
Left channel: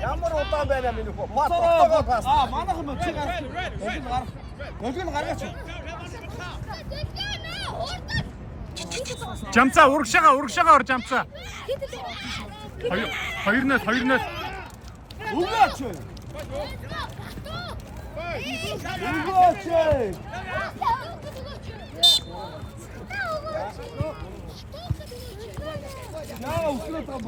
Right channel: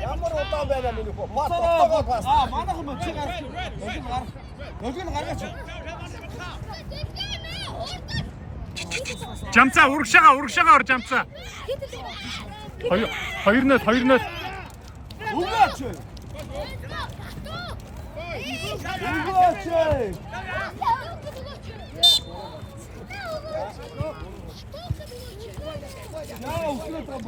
양보를 어디다 배냐 민우고. 만나면 제가 여기는 가르쳐. Жамцаа урагшаага ор жамцаа. 2-0. 우가치. 야, 웃기겠다 뭐.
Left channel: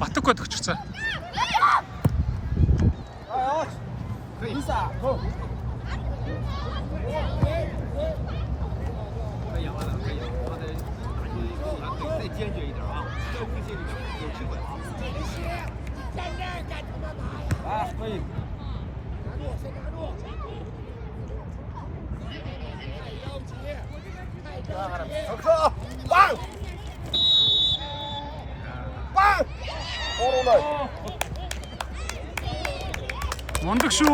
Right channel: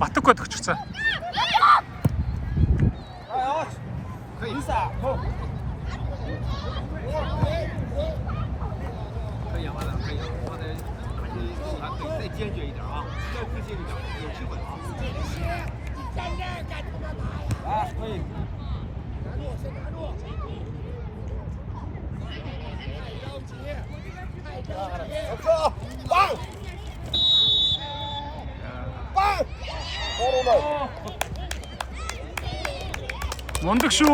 Батугад өгчихсэн. Isa. 完了，可以了，我得再坚决一点啊，再自信一点，有机会啊。你站这儿干他妈嘛呀？来，可以。拿住，先拿住。太着急，太着急。说，棒，棒， 원득 슛.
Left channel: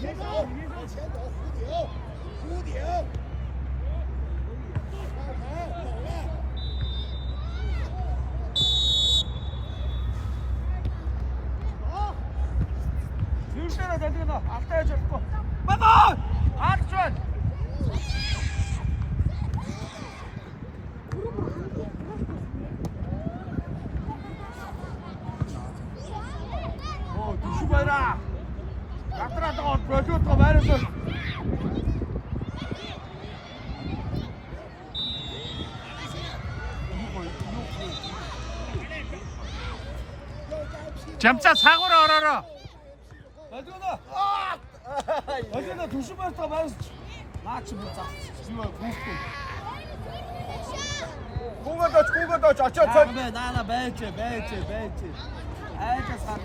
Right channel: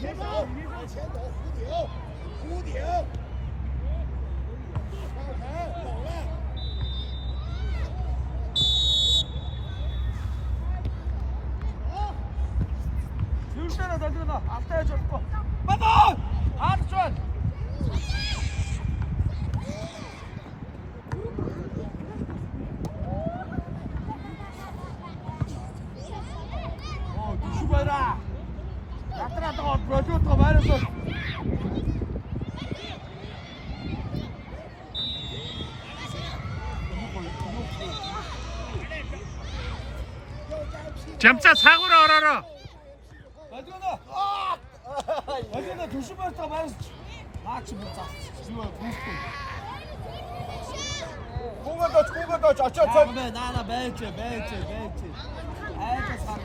前走，往前走，弧顶，上台，走了。 점자 사고를 얼어라. 어제는 조심해서 말했어. 나 지금 지금 공간도 자. 근데 나나 매지. 아이가 사고.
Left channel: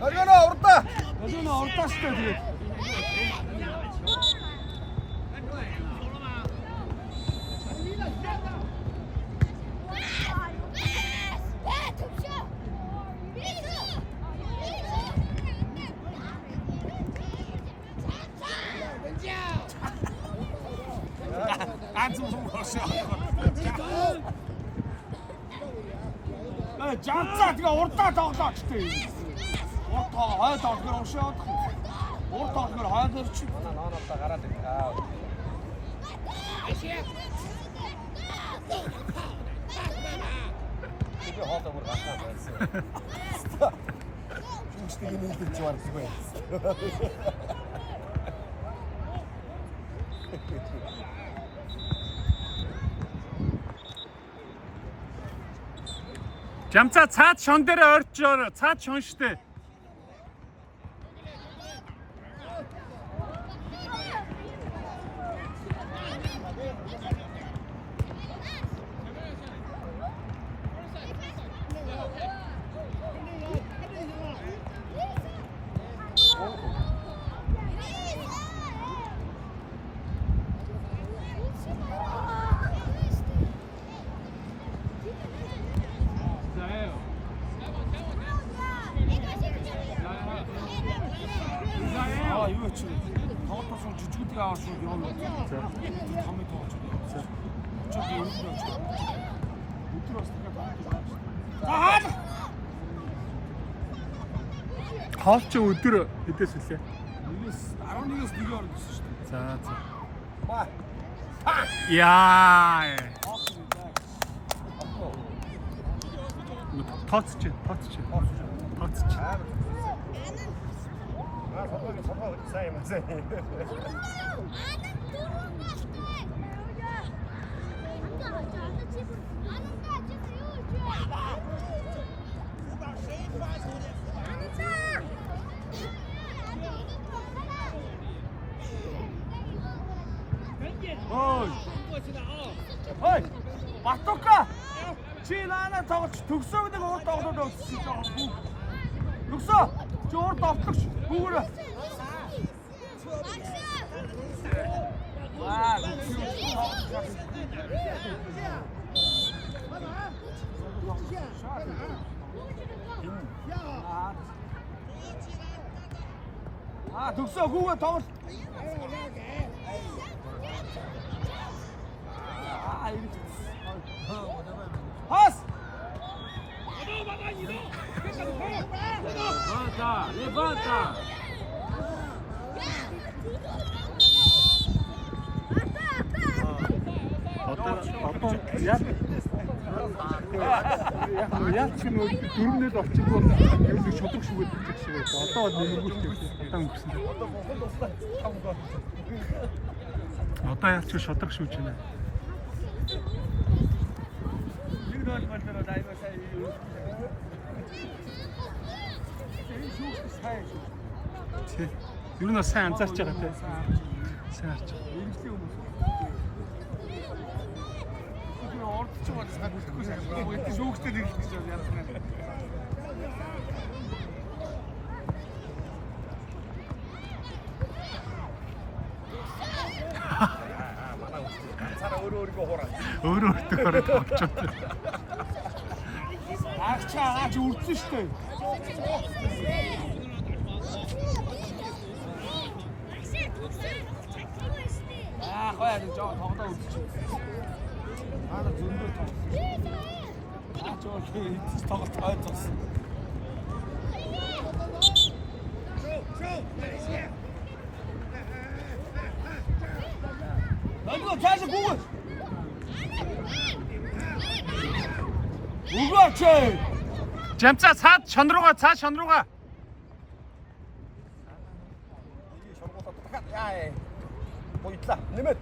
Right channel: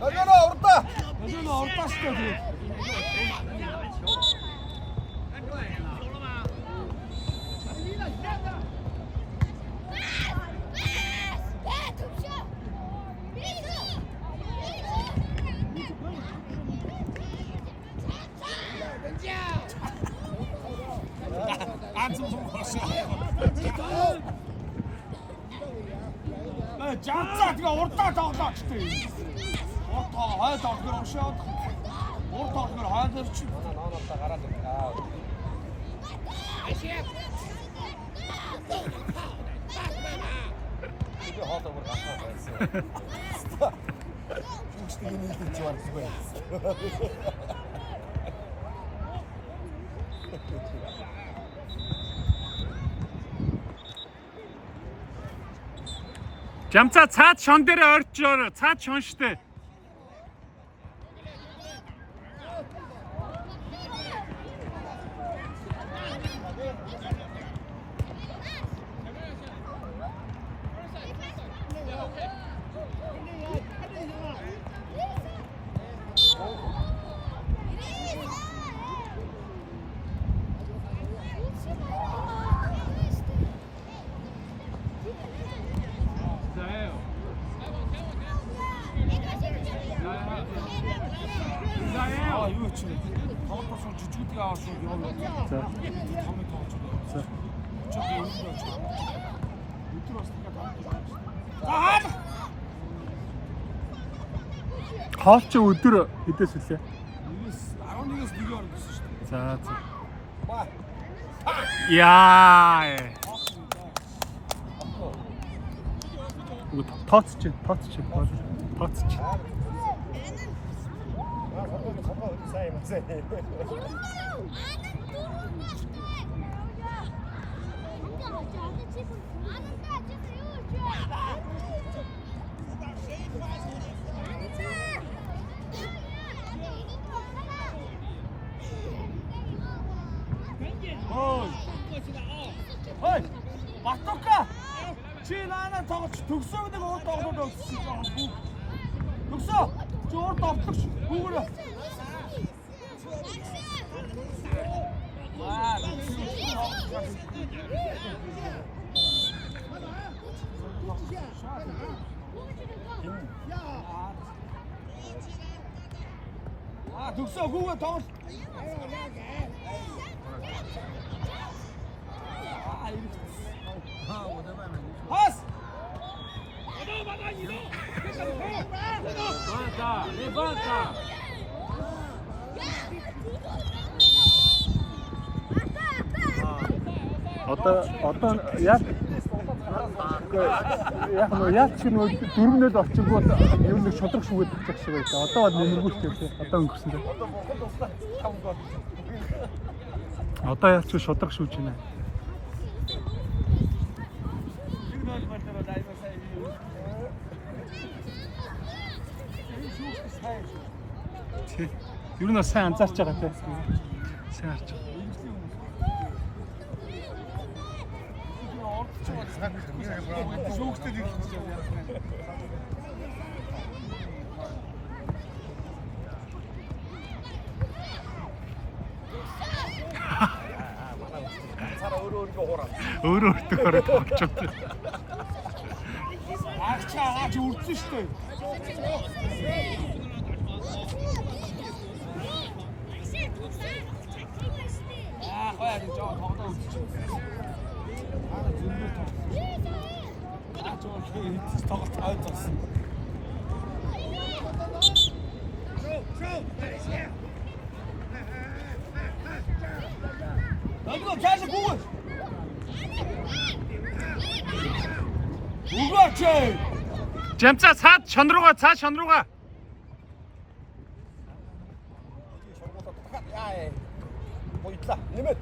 어제는 오르다. 어제는 어렵다 시켜지. 장자가 옳다 장자 치대. 옳다 하야다 그런 시야. 옳다 그걸 하야다 치. 점자 차 천대를 얼죠. 차 천시대. 이거 지금 더워서 뒤지고 뛰어가서 여기 가면 더 저기 오른쪽 못 들었으니까 다 하프째 못 들어. 이때 쓸게. 아론 이겼어 네가 알았어. 자. 야. 이거 터치치. 사이 Ой, Батука. Чи наана тоглож төгсөө гэдэг урд тоглоод өгсөн. Төгсөө. Чи урд тоглож. Гүүрэ. Төгсөө гүүрэ тоглож. Пас! Levanta! Одоо яг ч юм уу 4-0 орчих бол энэ нэг шудраг шүгэд болчих шиг байлаа. Одоо бол нэмэргүүлт юм шиг. Одоо өнгөрсөн дээ. Одоо яг ч шудраг шүүж байна. Юу нэг сайн анзаарч байгаа тийм. Сайн харж байгаа. Өөрөө өөртөө тоглож байна. Аач үрдсэн шүү дээ. Хаяа жоо тоглоо үзчих. Зөндөө тоглоо. Жоо хийх тоглолт хайцсан. Нөгөө цааш гүг. Угаач. Жамцаа цаад шон руугаа. Нэмээд.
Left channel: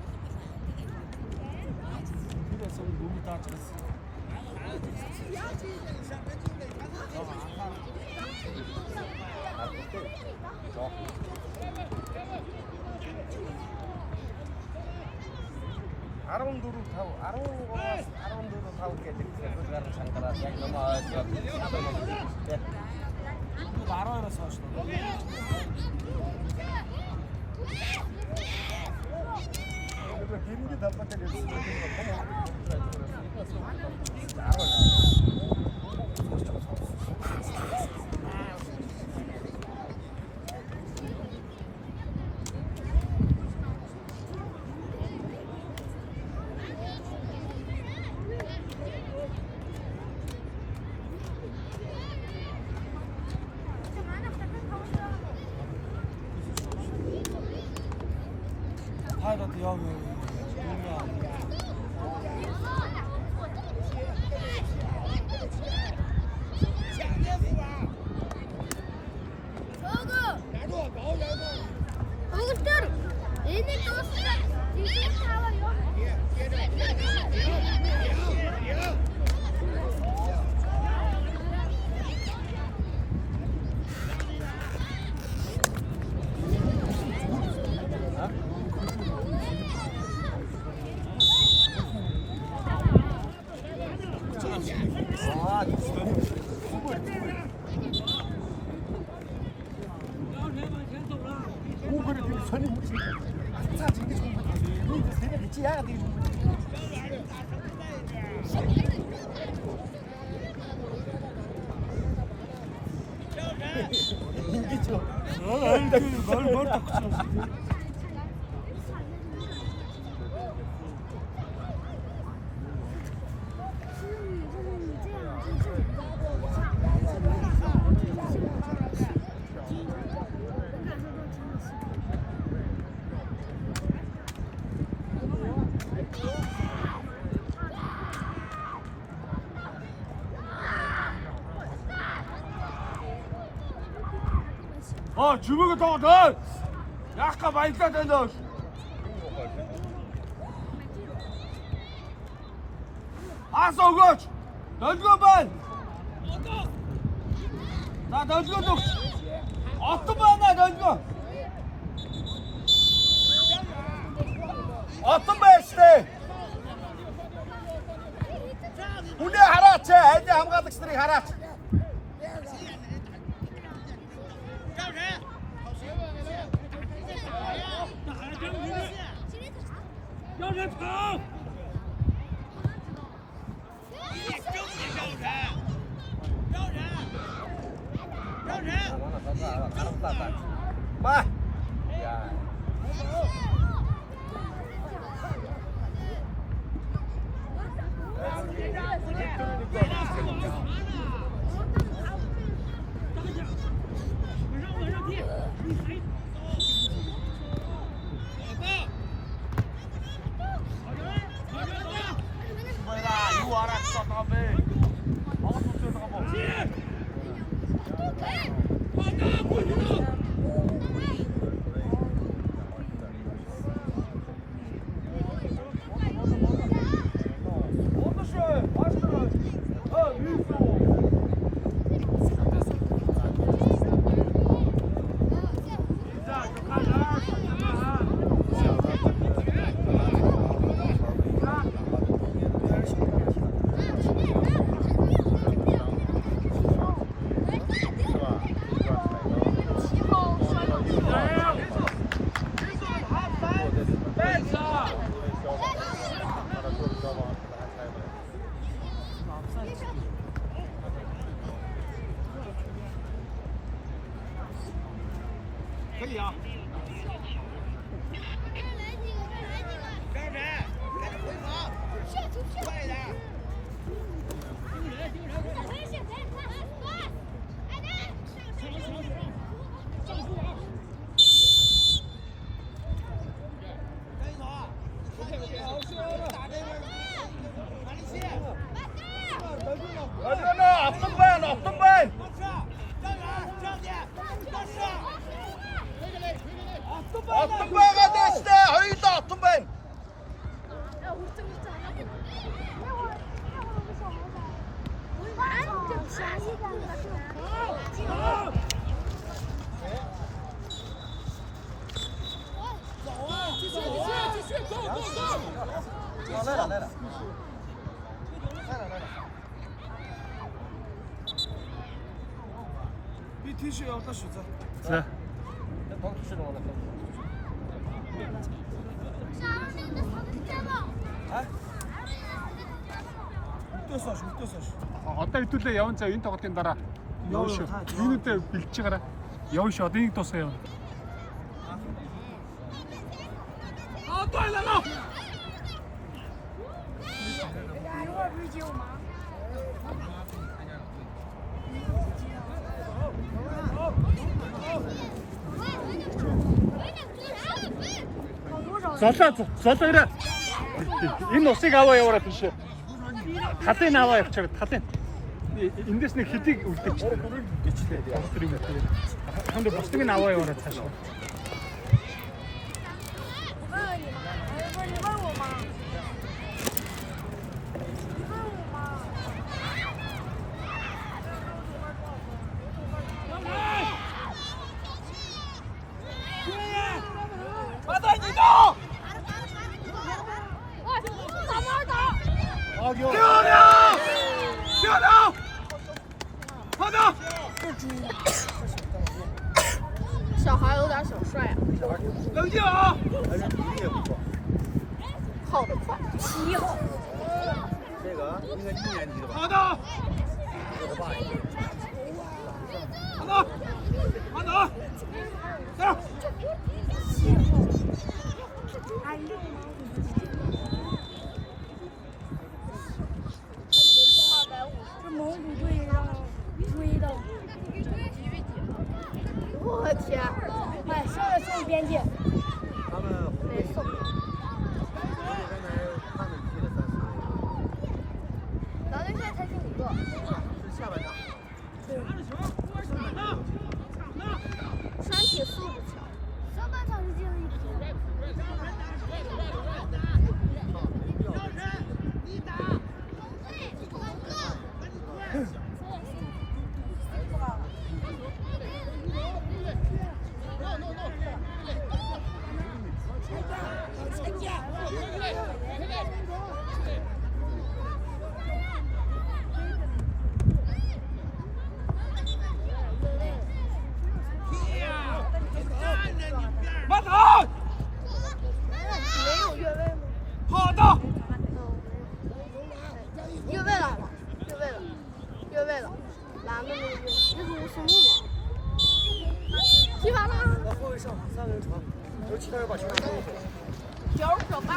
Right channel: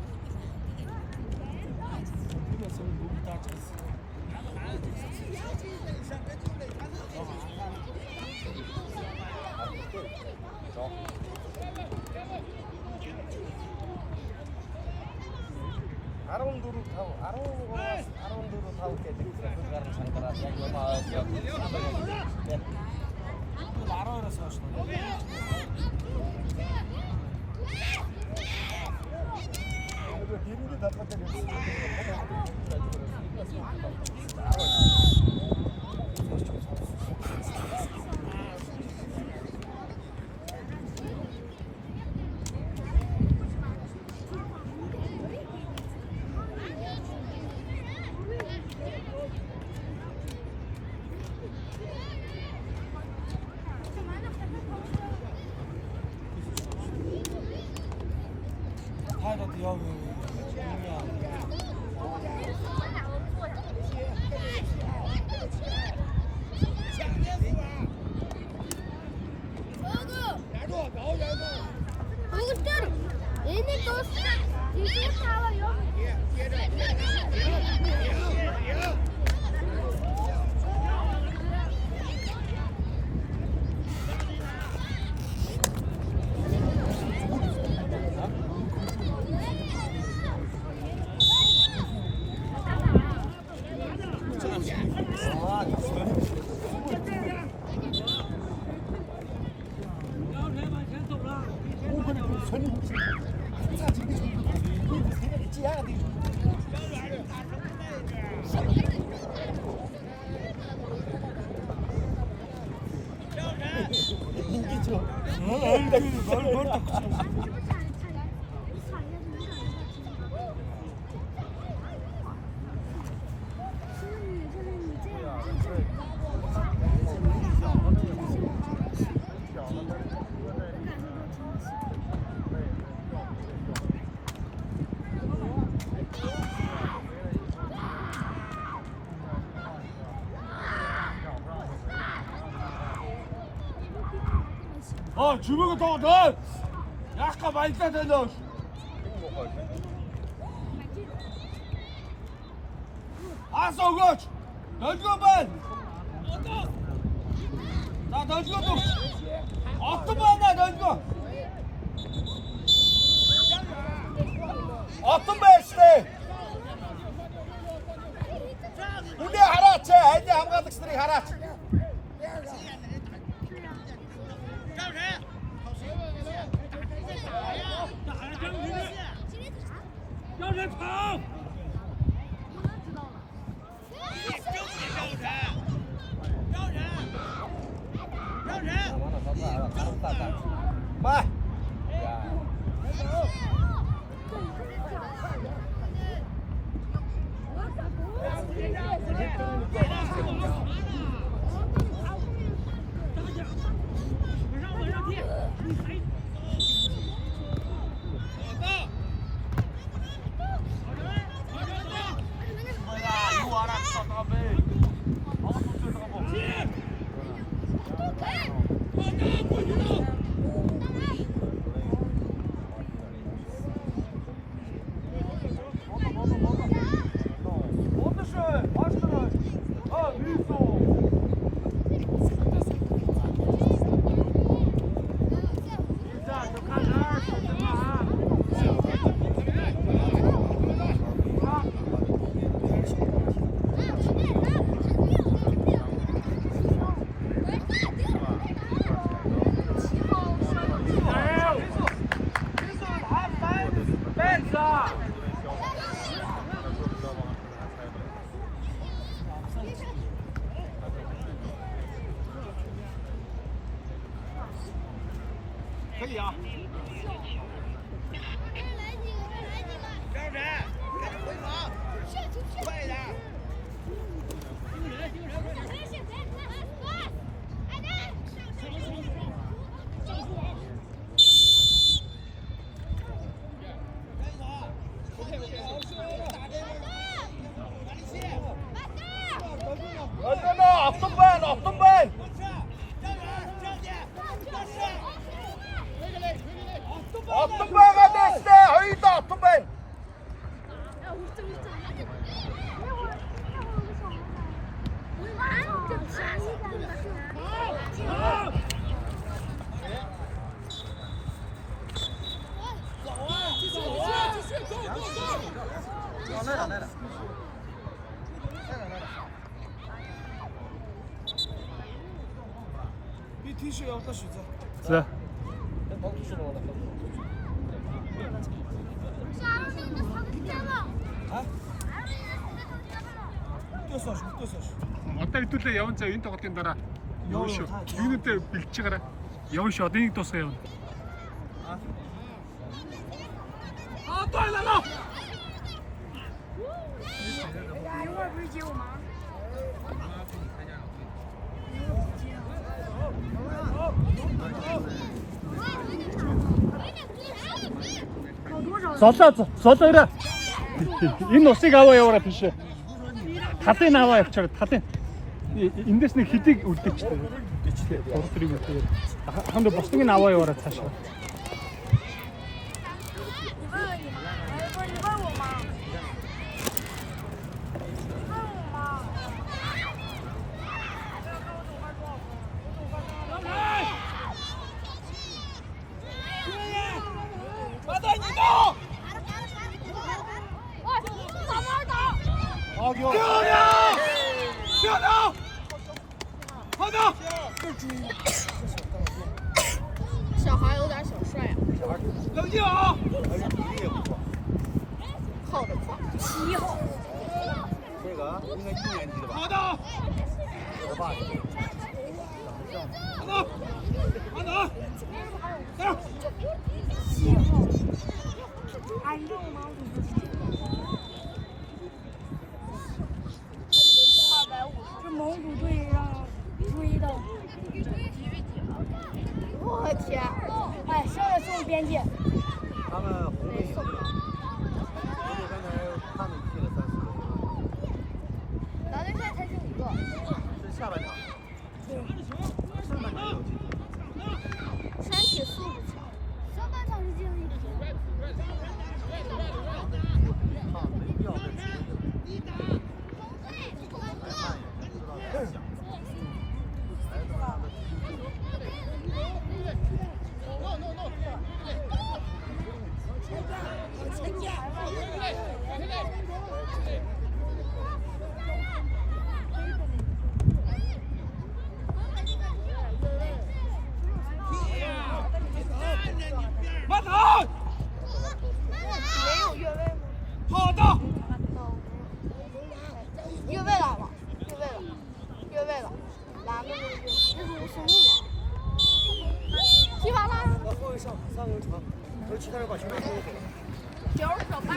주먹을 더 넣어! 야! 아까 많이 따졌어. 알았어, 그렇지. 던지고 반. 나 던지고 좀. 어떤 반나 던지고. 어떤 배시네. 우리 하라치. 이제 한가득 스트리 하라치. 마.可以啊。站着，开始回防，快一点。你体恤要的选择。是。Одоо хэдүүлээ яван цаа энэ тоглолтын дараа явна шүү. Юунуудаа бэлтж гараа. Явна шүү. Одоо нэг тусаа явна. Одоо ялаа. Золоо. Энэ усыг аваа яваарай тийш. Талын аваа явчихаг талын. Эндээс нэг хэдийг үлдээчтэй. Бичлээ. Ханд бусдыг нь аваа яваарай цааш.小孩有点小帅啊！冷静啊！跑得快，7号。这个应该1年级的吧？好的。好，走。这蒙古队让追的。我的天！哎，现在送边界。他们得送。咱队现在才剩5个。下半场。好的。越位了，越位了，哪个？这是什么吗？踢完了。后卫上3个人传，然后其他人把球给球小拍。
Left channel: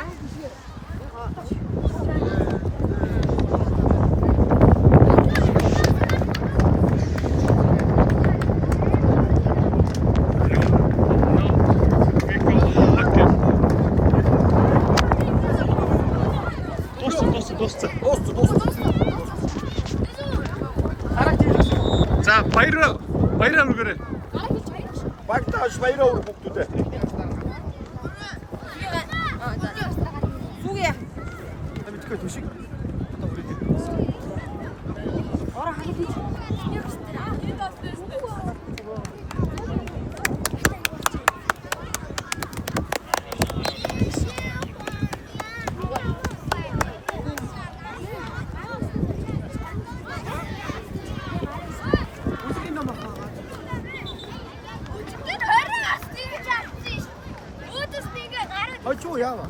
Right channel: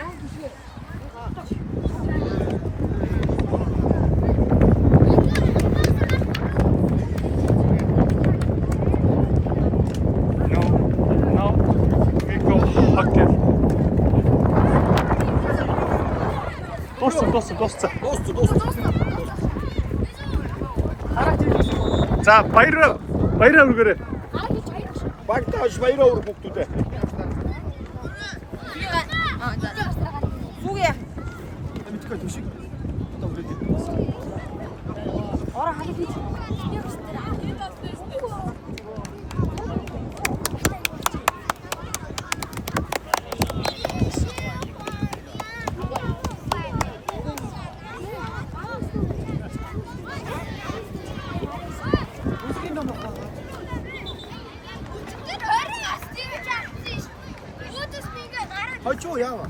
За баяраа үлгээрэй. Багтааш баяраа өргөх хүүхдүүдээ. Фуге. Мэдгүй төшиг. Ороо хагад хийчих. Хожуу яава.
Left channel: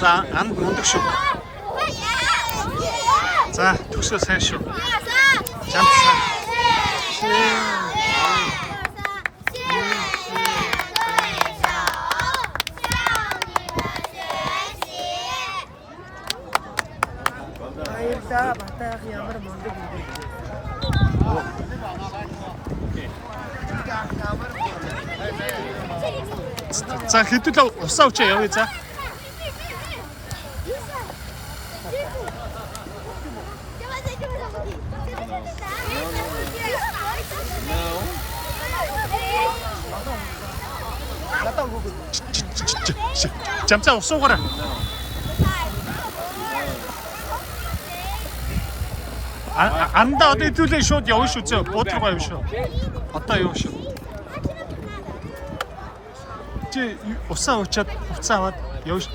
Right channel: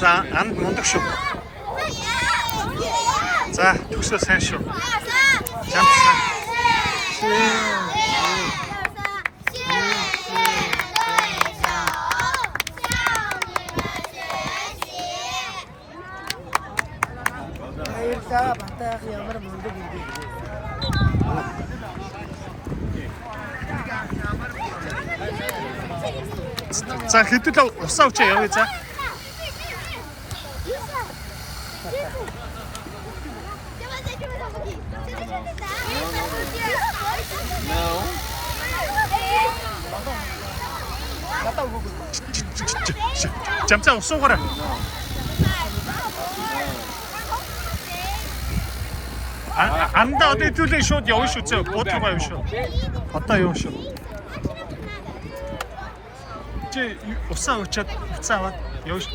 За анд мундаг шүү. За төгсөө сайн шүү. Жамп. Баярлаа. Батайх ямар мундаг юм бэ. За хэдүүлээ усаа өчөө явъя за. Жамцаа усуугаарай. Андаа одоо хэдүүлээ шууд явна шүү зөө. Буудргаа явна шүү. Одоо явна шүү. Усаа өчөөд уцаа аваад явж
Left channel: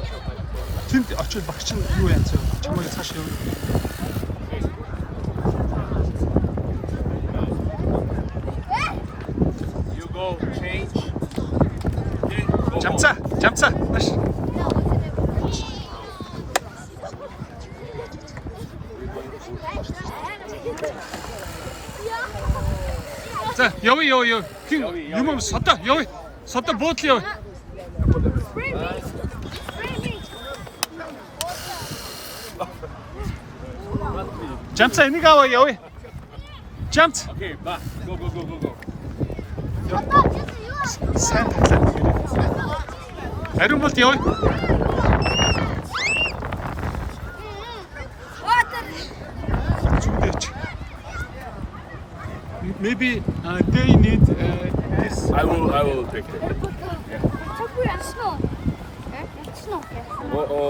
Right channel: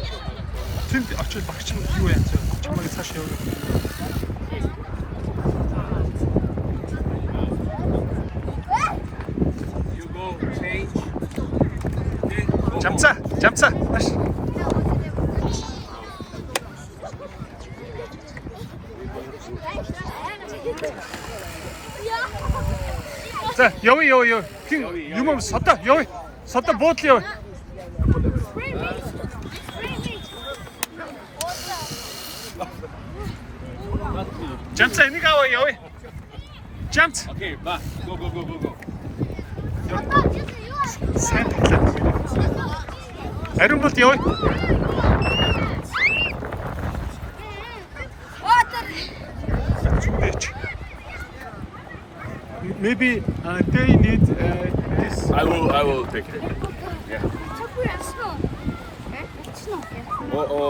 тэнд очиж багч нь юу яан зөө чамайг цааш явна. You go change. Жамцаа маш. За явъя. Хин юм содоо явъя. Содоо буудлаа явъя. Жамцаа энийг аваа явъя. Жамц. Okay, ba. Go. Сайн. Ариун болт явъя. Maybe they need this. I will take it. Yeah. Oh.